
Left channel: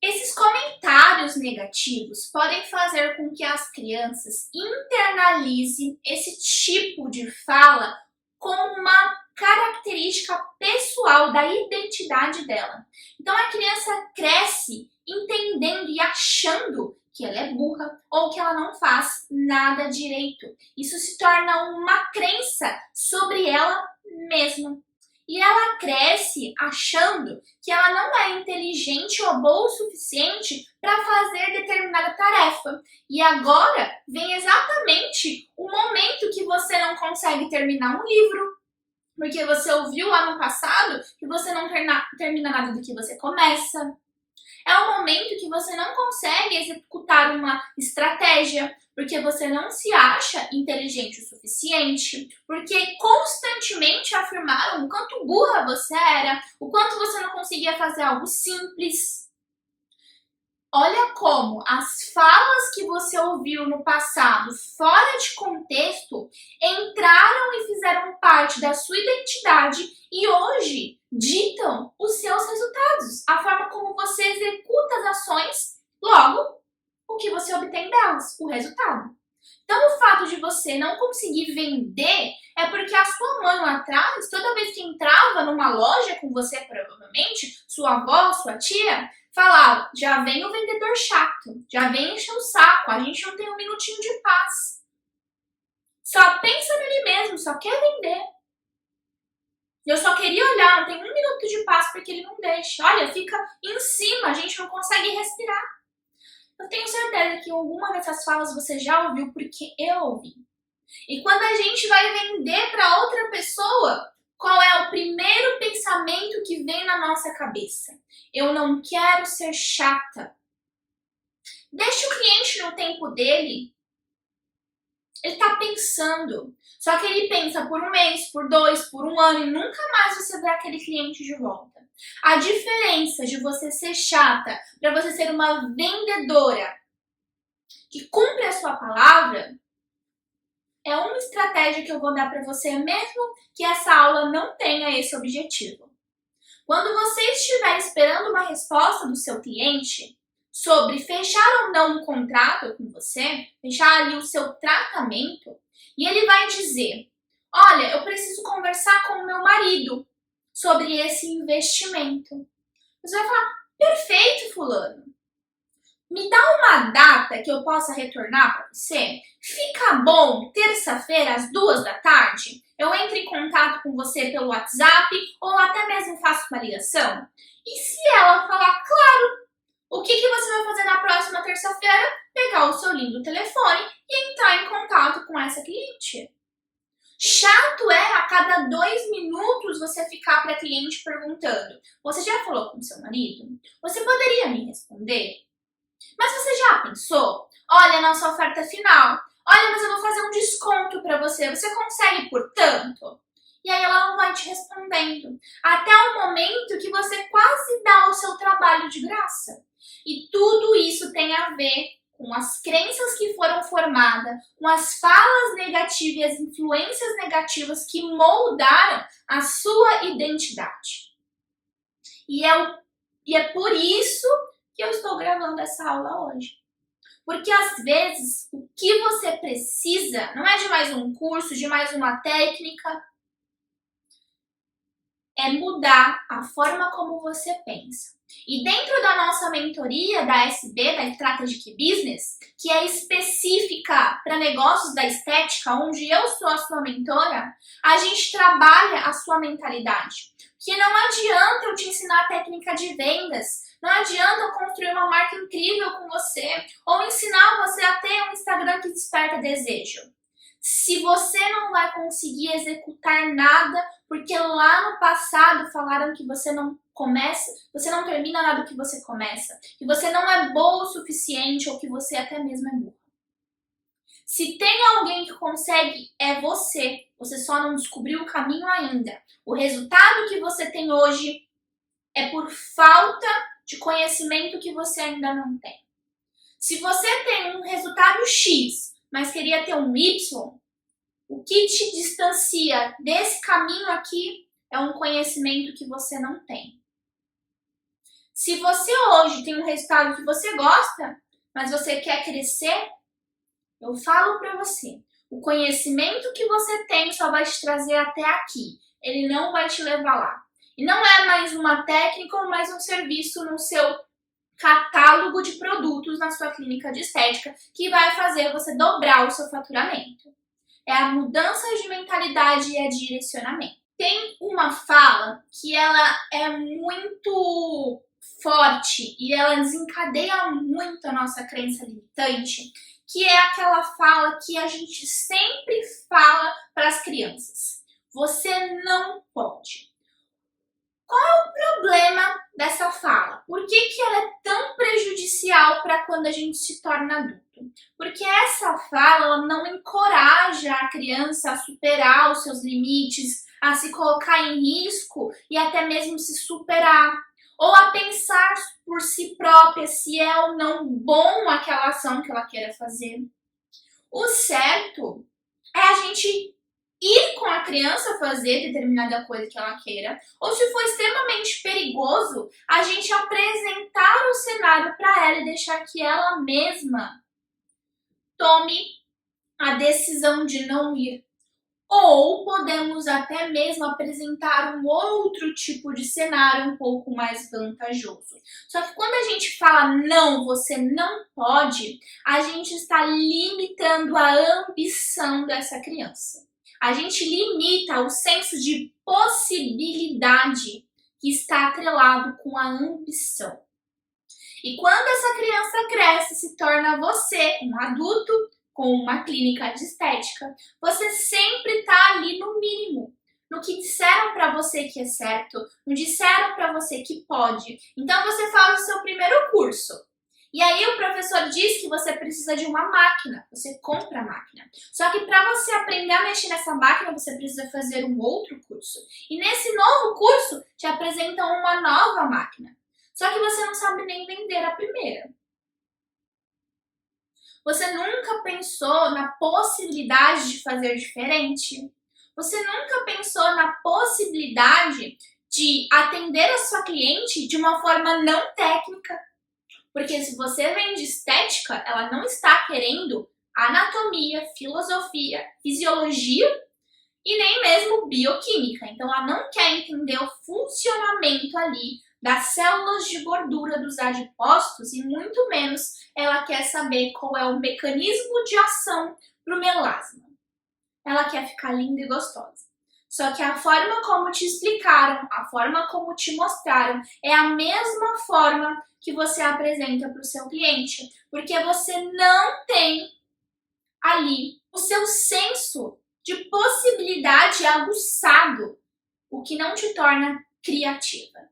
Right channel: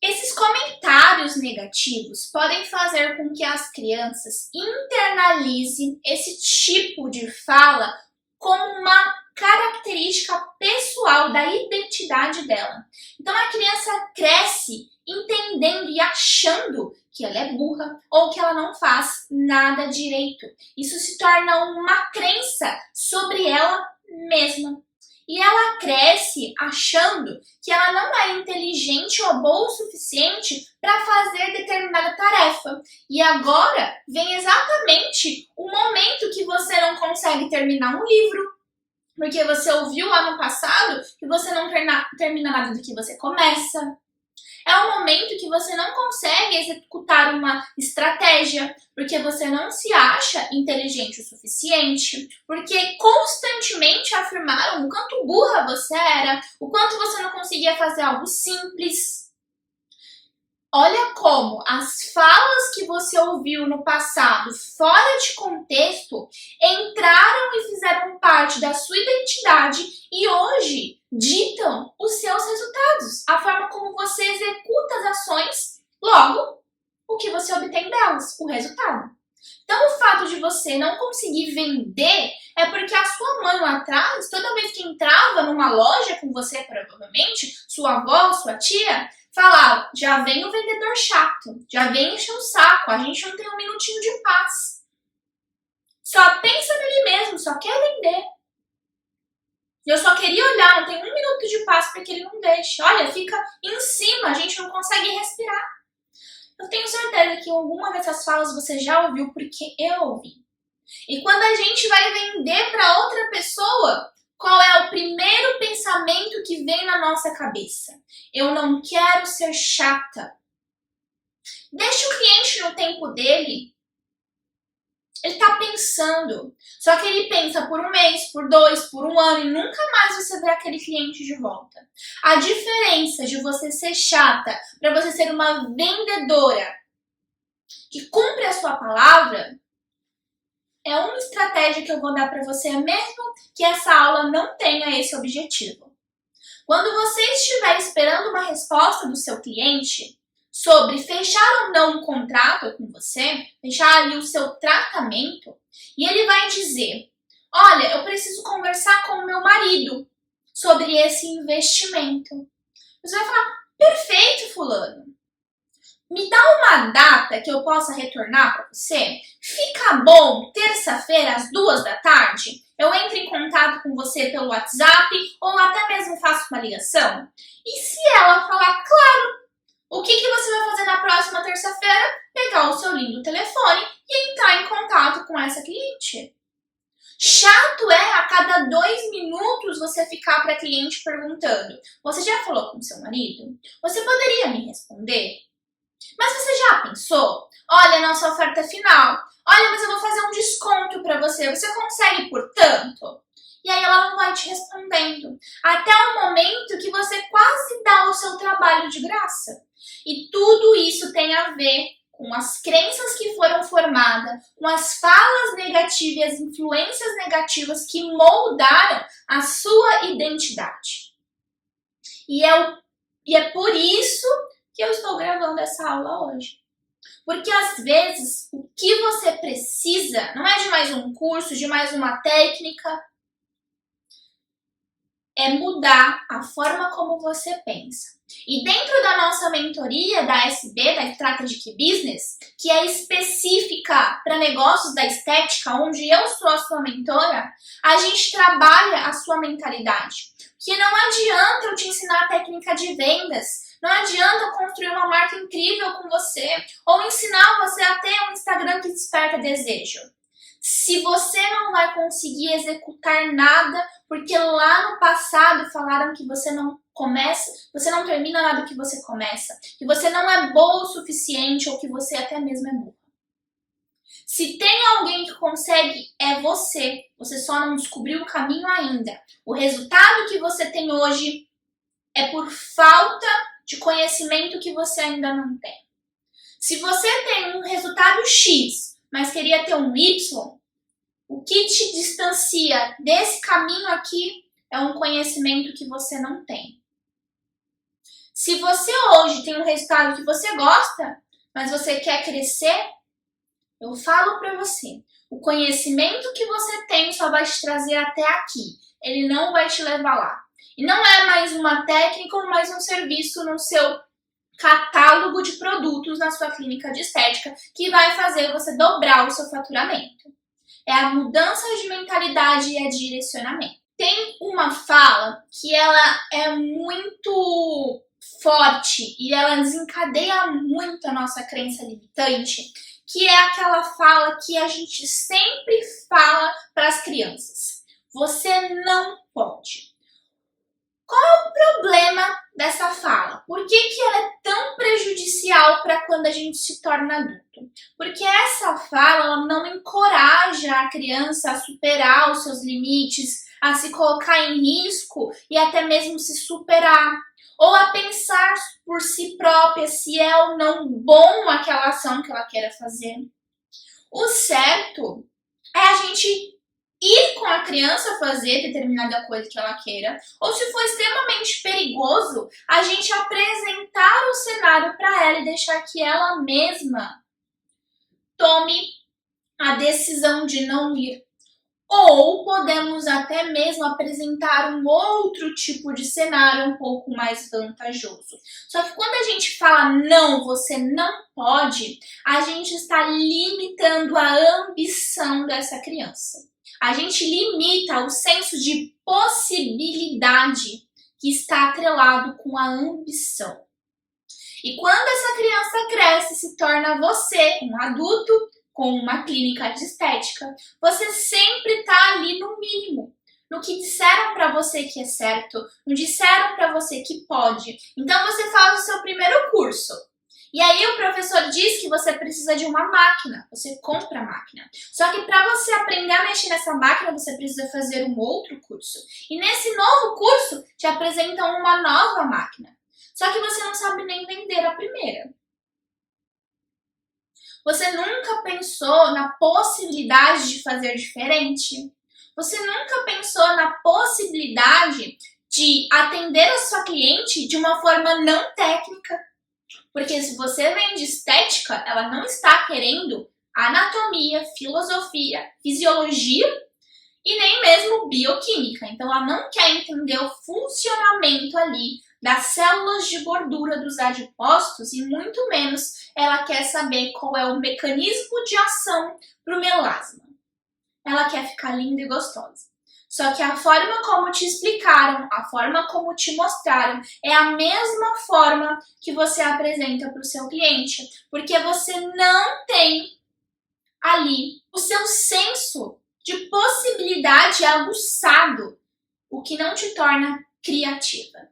Esses comentários negativos podem fazer com que as crianças internalizem esse tipo de fala como uma característica pessoal da identidade dela. Então a criança cresce entendendo e achando que ela é burra ou que ela não faz nada direito. Isso se torna uma crença sobre ela mesma. E ela cresce achando que ela não é inteligente ou boa o suficiente para fazer determinada tarefa. E agora vem exatamente o momento que você não consegue terminar um livro, porque você ouviu lá no passado que você não termina nada do que você começa. É o momento que você não consegue executar uma estratégia, porque você não se acha inteligente o suficiente, porque constantemente afirmaram o quanto burra você era, o quanto você não conseguia fazer algo simples. Olha como as falas que você ouviu no passado, fora de contexto, entraram e fizeram parte da sua identidade e hoje ditam os seus resultados, a forma como você executa as ações, logo, o que você obtém delas, o resultado. Então, o fato de você não conseguir vender é porque a sua mãe lá atrás, toda vez que entrava numa loja com você, provavelmente, sua avó, sua tia, falava: já vem o vendedor chato, já vem encher o saco, a gente não tem um minutinho de paz. Só pensa nele mesmo, só quer vender. Eu só queria olhar, não tem um minuto de paz porque ele não deixa. Olha, fica em cima, a gente não consegue respirar. Eu tenho certeza que alguma dessas falas você já ouviu porque eu ouvi. E quando a gente vai vender para outra pessoa, qual é o primeiro pensamento que vem na nossa cabeça? Eu não quero ser chata. Deixa o cliente no tempo dele. Ele está pensando. Só que ele pensa por um mês, por 2, por um ano e nunca mais você vê aquele cliente de volta. A diferença de você ser chata para você ser uma vendedora que cumpre a sua palavra é uma estratégia que eu vou dar para você, mesmo que essa aula não tenha esse objetivo. Quando você estiver esperando uma resposta do seu cliente sobre fechar ou não um contrato com você, fechar ali o seu tratamento, e ele vai dizer: olha, eu preciso conversar com o meu marido sobre esse investimento. Você vai falar: perfeito, fulano. Me dá uma data que eu possa retornar para você? Fica bom terça-feira às 14h? Eu entro em contato com você pelo WhatsApp ou até mesmo faço uma ligação? E se ela falar: claro, o que você vai fazer na próxima terça-feira? Pegar o seu lindo telefone e entrar em contato com essa cliente. Chato é a cada 2 minutos você ficar para cliente perguntando: você já falou com seu marido? Você poderia me responder? Mas você já pensou? Olha a nossa oferta final. Olha, mas eu vou fazer um desconto para você. Você consegue por tanto? E aí ela não vai te respondendo. Até o momento que você quase dá o seu trabalho de graça. E tudo isso tem a ver com as crenças que foram formadas, com as falas negativas e as influências negativas que moldaram a sua identidade. E é por isso que eu estou gravando essa aula hoje. Porque às vezes o que você precisa não é de mais um curso, de mais uma técnica, é mudar a forma como você pensa. E dentro da nossa mentoria da SB, da Strategic Business, que é específica para negócios da estética, onde eu sou a sua mentora, a gente trabalha a sua mentalidade. Que não adianta eu te ensinar a técnica de vendas, não adianta eu construir uma marca incrível com você, ou ensinar você a ter um Instagram que desperta desejo. Se você não vai conseguir executar nada, porque lá no passado falaram que você não termina nada que você começa, que você não é boa o suficiente ou que você até mesmo é burro. Se tem alguém que consegue, é você. Você só não descobriu o caminho ainda. O resultado que você tem hoje é por falta de conhecimento que você ainda não tem. Se você tem um resultado X, mas queria ter um Y, o que te distancia desse caminho aqui é um conhecimento que você não tem. Se você hoje tem um resultado que você gosta, mas você quer crescer, eu falo para você, o conhecimento que você tem só vai te trazer até aqui. Ele não vai te levar lá. E não é mais uma técnica ou mais um serviço no seu catálogo de produtos na sua clínica de estética que vai fazer você dobrar o seu faturamento. É a mudança de mentalidade e a direcionamento. Tem uma fala que ela é muito forte e ela desencadeia muito a nossa crença limitante, que é aquela fala que a gente sempre fala para as crianças. Você não pode. Qual é o problema dessa fala? Por que ela é tão prejudicial para quando a gente se torna adulto? Porque essa fala ela não encoraja a criança a superar os seus limites, a se colocar em risco e até mesmo se superar. Ou a pensar por si própria se é ou não bom aquela ação que ela queira fazer. O certo é a gente ir com a criança fazer determinada coisa que ela queira, ou se for extremamente perigoso, a gente apresentar o cenário para ela e deixar que ela mesma tome a decisão de não ir. Ou podemos até mesmo apresentar um outro tipo de cenário um pouco mais vantajoso. Só que quando a gente fala não, você não pode, a gente está limitando a ambição dessa criança. A gente limita o senso de possibilidade que está atrelado com a ambição. E quando essa criança cresce e se torna você, um adulto, com uma clínica de estética, você sempre está ali no mínimo, no que disseram para você que é certo, no que disseram para você que pode. Então você faz o seu primeiro curso. E aí o professor diz que você precisa de uma máquina, você compra a máquina. Só que para você aprender a mexer nessa máquina, você precisa fazer um outro curso. E nesse novo curso, te apresentam uma nova máquina. Só que você não sabe nem vender a primeira. Você nunca pensou na possibilidade de fazer diferente? Você nunca pensou na possibilidade de atender a sua cliente de uma forma não técnica? Porque se você vende estética, ela não está querendo anatomia, filosofia, fisiologia e nem mesmo bioquímica. Então ela não quer entender o funcionamento ali das células de gordura dos adipócitos e muito menos ela quer saber qual é o mecanismo de ação para o melasma. Ela quer ficar linda e gostosa. Só que a forma como te explicaram, a forma como te mostraram, é a mesma forma que você apresenta para o seu cliente. Porque você não tem ali o seu senso de possibilidade aguçado, o que não te torna criativa.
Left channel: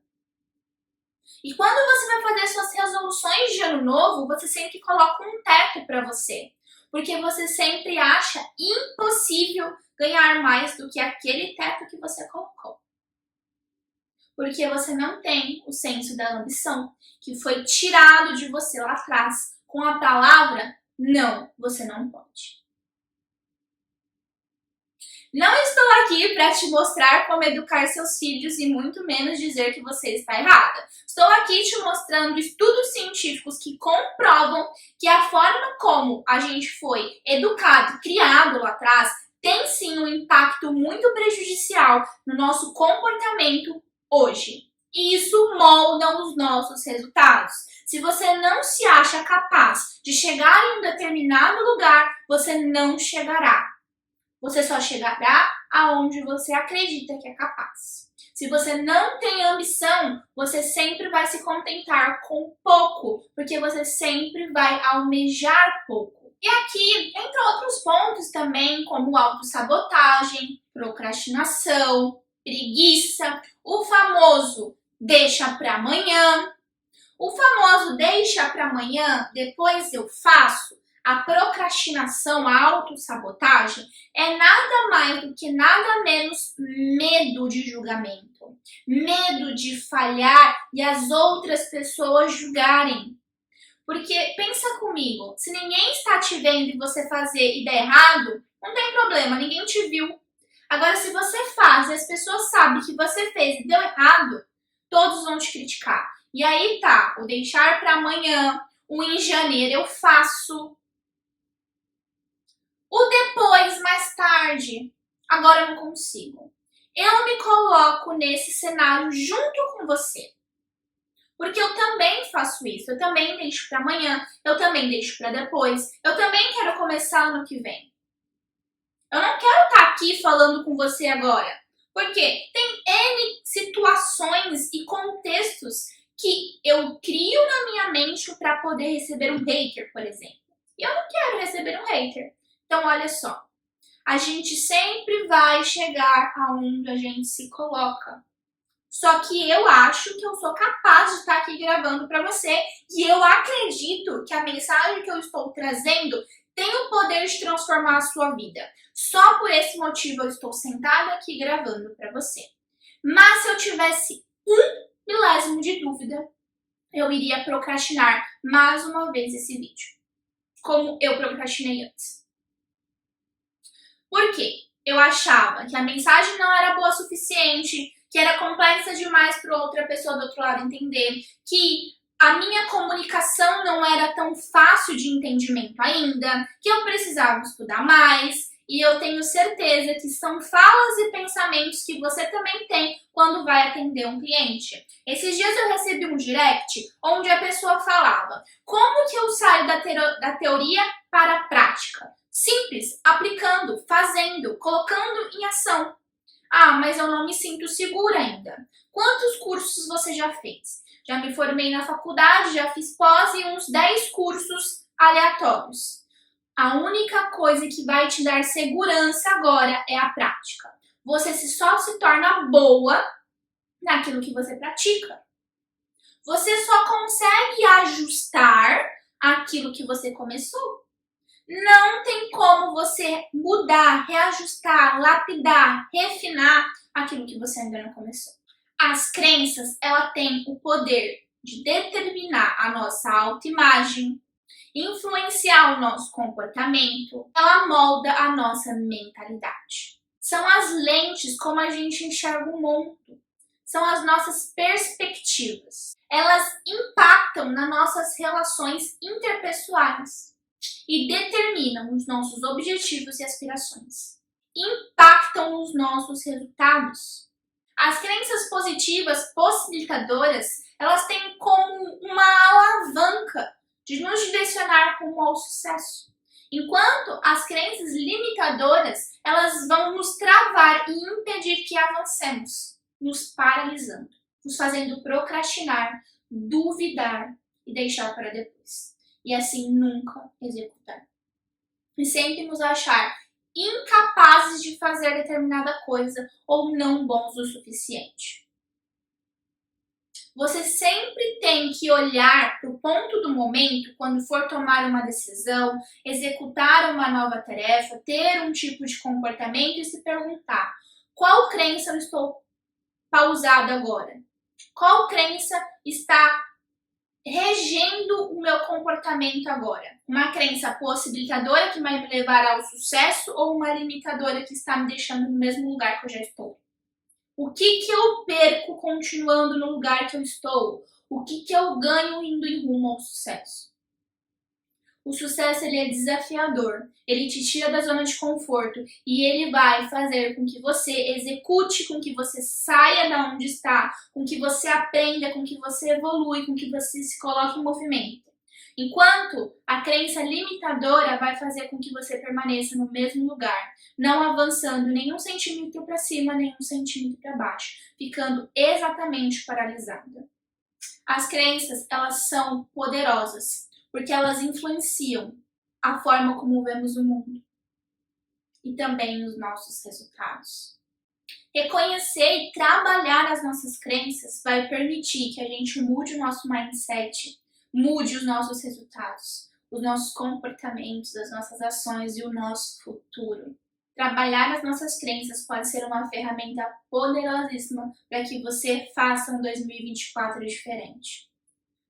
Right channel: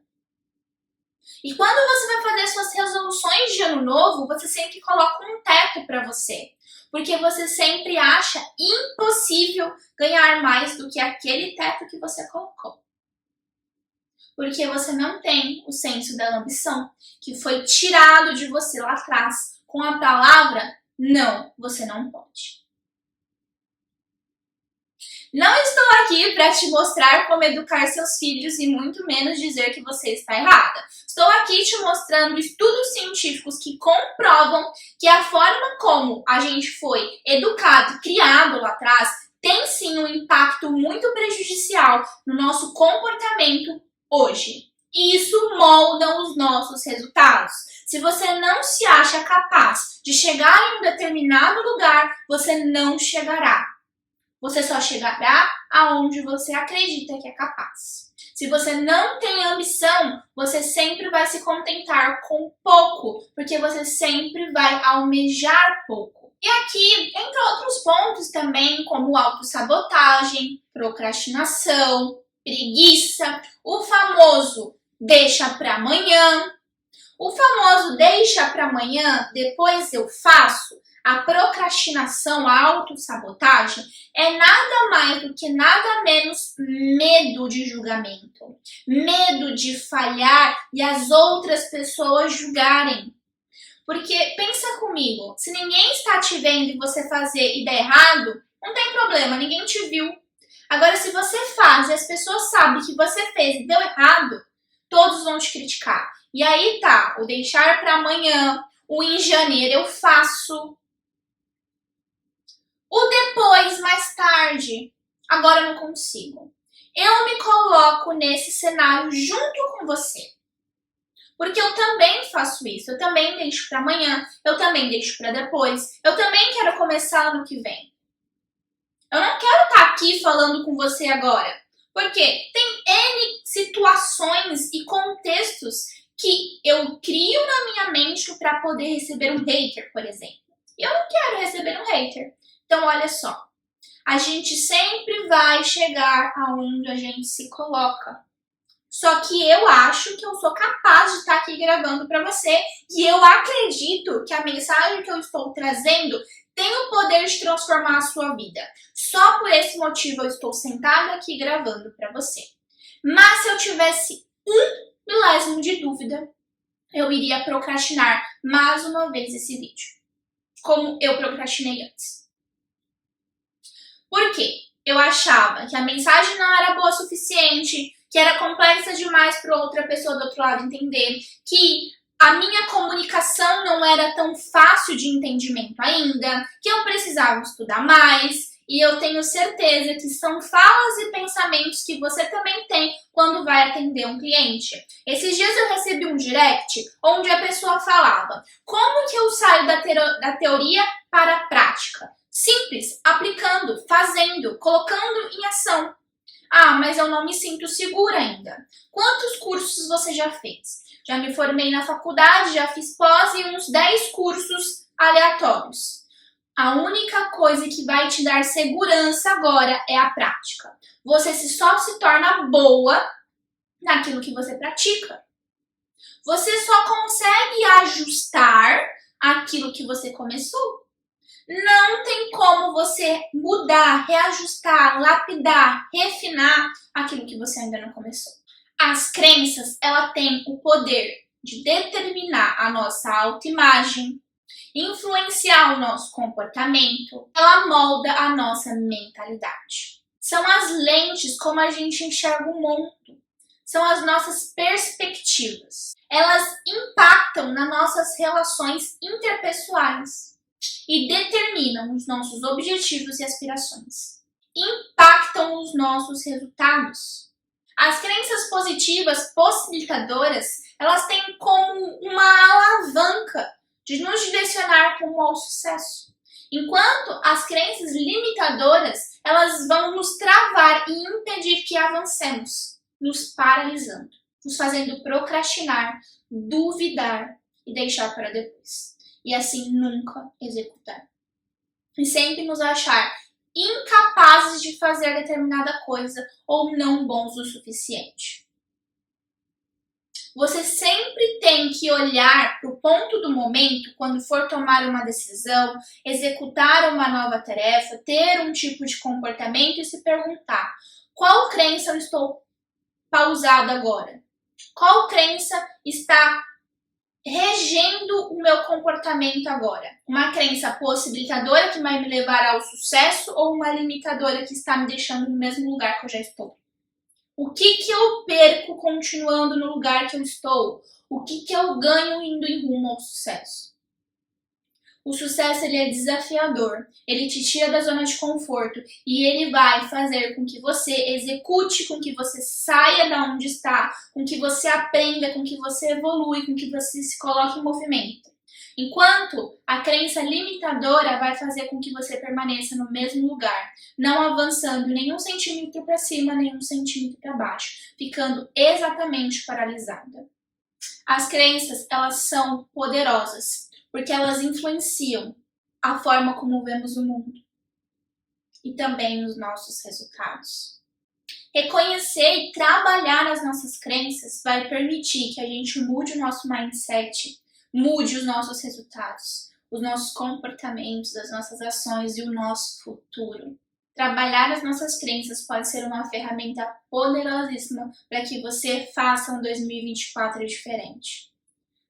E quando você vai fazer suas resoluções de ano novo, você sempre coloca um teto para você. Porque você sempre acha impossível ganhar mais do que aquele teto que você colocou. Porque você não tem o senso da ambição, que foi tirado de você lá atrás com a palavra não, você não pode. Não estou aqui para te mostrar como educar seus filhos e muito menos dizer que você está errada. Estou aqui te mostrando estudos científicos que comprovam que a forma como a gente foi educado, criado lá atrás, tem sim um impacto muito prejudicial no nosso comportamento hoje. E isso molda os nossos resultados. Se você não se acha capaz de chegar em um determinado lugar, você não chegará. Você só chegará aonde você acredita que é capaz. Se você não tem ambição, você sempre vai se contentar com pouco, porque você sempre vai almejar pouco. E aqui, entre outros pontos também, como autossabotagem, procrastinação, preguiça, o famoso deixa para amanhã. O famoso deixa para amanhã, depois eu faço. A procrastinação, a autossabotagem é nada mais do que nada menos medo de julgamento, medo de falhar e as outras pessoas julgarem. Porque pensa comigo, se ninguém está te vendo e você fazer e der errado, não tem problema, ninguém te viu. Agora, se você faz e as pessoas sabem que você fez e deu errado, todos vão te criticar. E aí tá, o deixar para amanhã, o em janeiro eu faço. O depois, mais tarde, agora eu não consigo. Eu me coloco nesse cenário junto com você. Porque eu também faço isso, eu também deixo para amanhã, eu também deixo para depois, eu também quero começar ano que vem. Eu não quero estar aqui falando com você agora, porque tem N situações e contextos que eu crio na minha mente para poder receber um hater, por exemplo. E eu não quero receber um hater. Então, olha só, a gente sempre vai chegar aonde a gente se coloca. Só que eu acho que eu sou capaz de estar aqui gravando para você e eu acredito que a mensagem que eu estou trazendo tem o poder de transformar a sua vida. Só por esse motivo eu estou sentada aqui gravando para você. Mas se eu tivesse um milésimo de dúvida, eu iria procrastinar mais uma vez esse vídeo, como eu procrastinei antes. Por quê? Eu achava que a mensagem não era boa o suficiente, que era complexa demais para outra pessoa do outro lado entender, que a minha comunicação não era tão fácil de entendimento ainda, que eu precisava estudar mais, e eu tenho certeza que são falas e pensamentos que você também tem quando vai atender um cliente. Esses dias eu recebi um direct onde a pessoa falava: como que eu saio da teoria para a prática? Simples, aplicando, fazendo, colocando em ação. Ah, mas eu não me sinto segura ainda. Quantos cursos você já fez? Já me formei na faculdade, já fiz pós e uns 10 cursos aleatórios. A única coisa que vai te dar segurança agora é a prática. Você só se torna boa naquilo que você pratica. Você só consegue ajustar aquilo que você começou. Não tem como você mudar, reajustar, lapidar, refinar aquilo que você ainda não começou. As crenças, ela tem o poder de determinar a nossa autoimagem, influenciar o nosso comportamento, ela molda a nossa mentalidade. São as lentes como a gente enxerga o mundo, são as nossas perspectivas. Elas impactam nas nossas relações interpessoais e determinam os nossos objetivos e aspirações. Impactam os nossos resultados. As crenças positivas possibilitadoras, elas têm como uma alavanca de nos direcionar rumo ao sucesso. Enquanto as crenças limitadoras, elas vão nos travar e impedir que avancemos, nos paralisando, nos fazendo procrastinar, duvidar e deixar para depois. E assim nunca executar. E sempre nos achar incapazes de fazer determinada coisa ou não bons o suficiente. Você sempre tem que olhar para o ponto do momento quando for tomar uma decisão, executar uma nova tarefa, ter um tipo de comportamento e se perguntar: qual crença eu estou pausada agora? Qual crença está regendo o meu comportamento agora? Uma crença possibilitadora que vai me levar ao sucesso ou uma limitadora que está me deixando no mesmo lugar que eu já estou? O que eu perco continuando no lugar que eu estou? O que eu ganho indo em rumo ao sucesso? O sucesso ele é desafiador, ele te tira da zona de conforto e ele vai fazer com que você execute, com que você saia da onde está, com que você aprenda, com que você evolui, com que você se coloque em movimento. Enquanto a crença limitadora vai fazer com que você permaneça no mesmo lugar, não avançando nem 1 centímetro para cima, nem 1 centímetro para baixo, ficando exatamente paralisada. As crenças, elas são poderosas, porque elas influenciam a forma como vemos o mundo e também os nossos resultados. Reconhecer e trabalhar as nossas crenças vai permitir que a gente mude o nosso mindset, mude os nossos resultados, os nossos comportamentos, as nossas ações e o nosso futuro. Trabalhar as nossas crenças pode ser uma ferramenta poderosíssima para que você faça um 2024 diferente.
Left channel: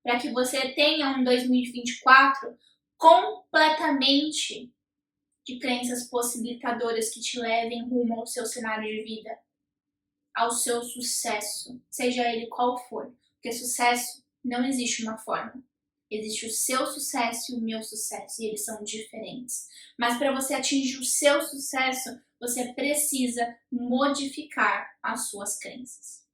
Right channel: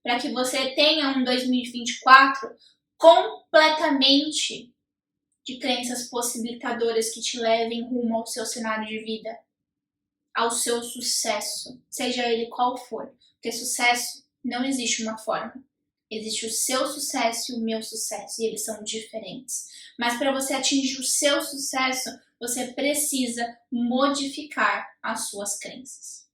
Para que você tenha um 2024 completamente de crenças possibilitadoras que te levem rumo ao seu cenário de vida, ao seu sucesso, seja ele qual for. Porque sucesso não existe uma forma. Existe o seu sucesso e o meu sucesso, e eles são diferentes. Mas para você atingir o seu sucesso, você precisa modificar as suas crenças.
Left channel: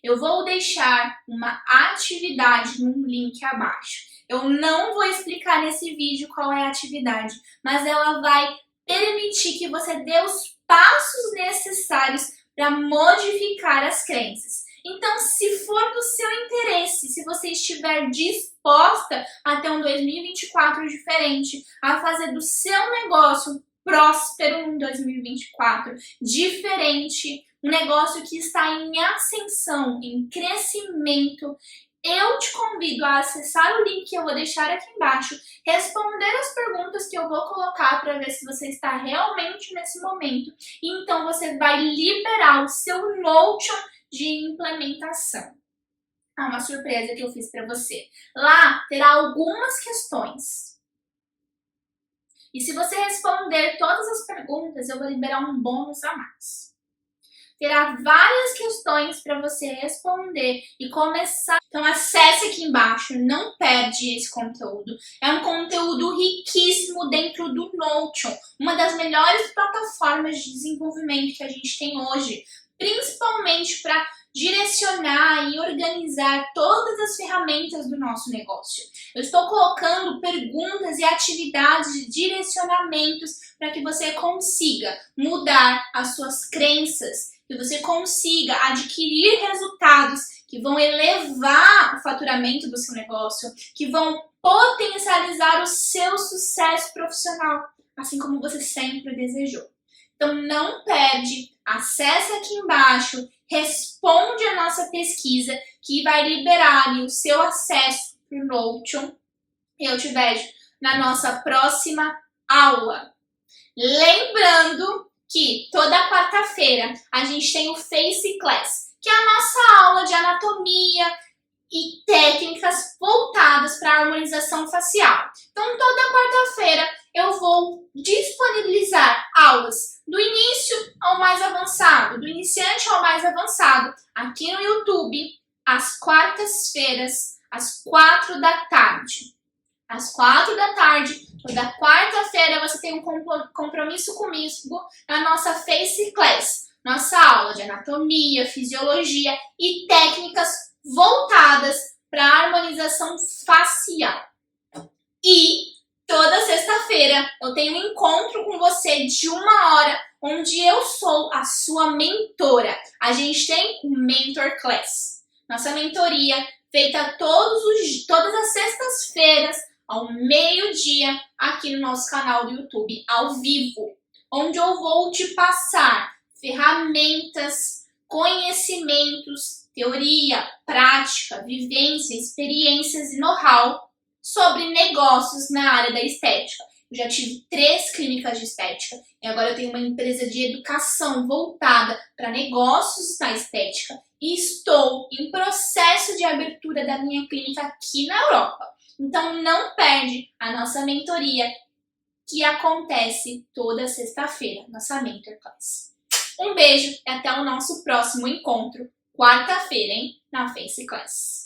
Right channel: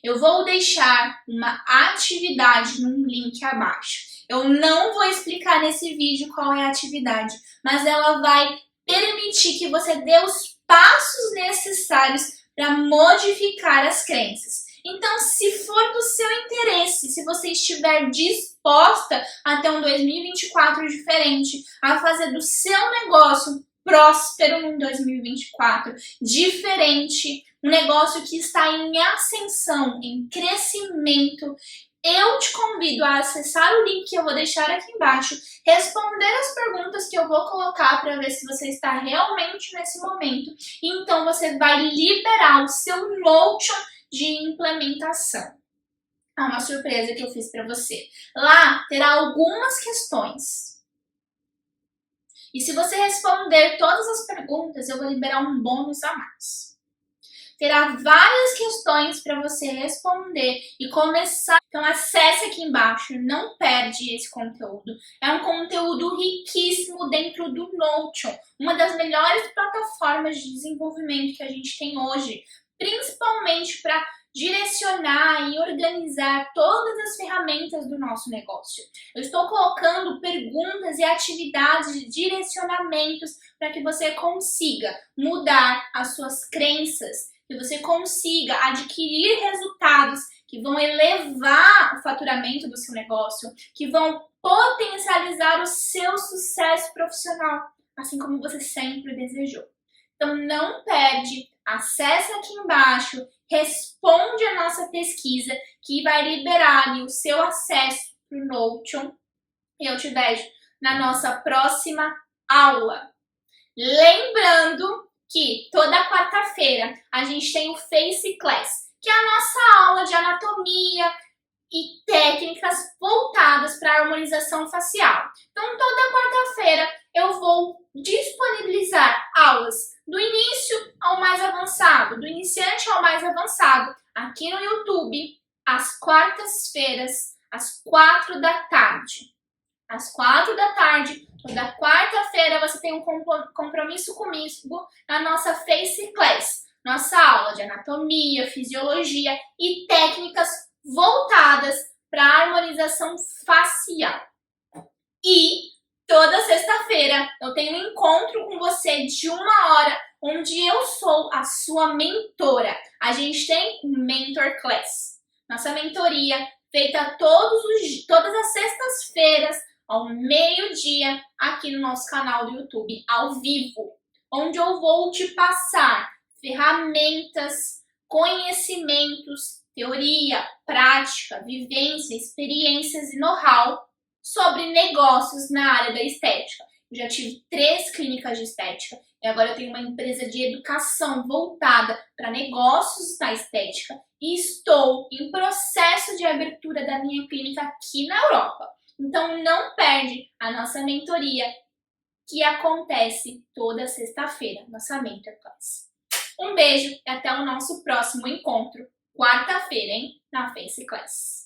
Eu vou deixar uma atividade num link abaixo. Eu não vou explicar nesse vídeo qual é a atividade, mas ela vai permitir que você dê os passos necessários para modificar as crenças. Então, se for do seu interesse, se você estiver disposta a ter um 2024 diferente, a fazer do seu negócio próspero em 2024, diferente, um negócio que está em ascensão, em crescimento, eu te convido a acessar o link que eu vou deixar aqui embaixo, responder as perguntas que eu vou colocar para ver se você está realmente nesse momento, e então você vai liberar o seu Notion de implementação. Uma surpresa que eu fiz para você. Lá terá algumas questões. E se você responder todas as perguntas, eu vou liberar um bônus a mais. Terá várias questões para você responder e começar. Então acesse aqui embaixo, não perde esse conteúdo. É um conteúdo riquíssimo dentro do Notion, uma das melhores plataformas de desenvolvimento que a gente tem hoje, principalmente para direcionar e organizar todas as ferramentas do nosso negócio. Eu estou colocando perguntas e atividades, direcionamentos para que você consiga mudar as suas crenças, que você consiga adquirir resultados que vão elevar o faturamento do seu negócio, que vão potencializar o seu sucesso profissional, assim como você sempre desejou. Então não perde, acesse aqui embaixo, responde a nossa pesquisa que vai liberar ali o seu acesso para o Notion. Eu te vejo na nossa próxima aula. Lembrando que toda quarta-feira a gente tem o Face Class, que é a nossa aula de anatomia e técnicas voltadas para a harmonização facial. Então, toda quarta-feira eu vou disponibilizar aulas do início ao mais avançado, do iniciante ao mais avançado, aqui no YouTube, às quartas-feiras, às 4 da tarde. Às 4 da tarde, toda quarta-feira, você tem um compromisso comigo na nossa Face Class, nossa aula de anatomia, fisiologia e técnicas voltadas para a harmonização facial. E toda sexta-feira eu tenho um encontro com você de 1 hora, onde eu sou a sua mentora. A gente tem um Mentor Class, nossa mentoria feita todas as sextas-feiras, ao meio-dia, aqui no nosso canal do YouTube, ao vivo, onde eu vou te passar ferramentas, conhecimentos, teoria, prática, vivência, experiências e know-how sobre negócios na área da estética. Eu já tive 3 clínicas de estética e agora eu tenho uma empresa de educação voltada para negócios da estética e estou em processo de abertura da minha clínica aqui na Europa. Então não perde a nossa mentoria que acontece toda sexta-feira, nossa Mentor Class. Um beijo e até o nosso próximo encontro, quarta-feira, hein, na Face Class.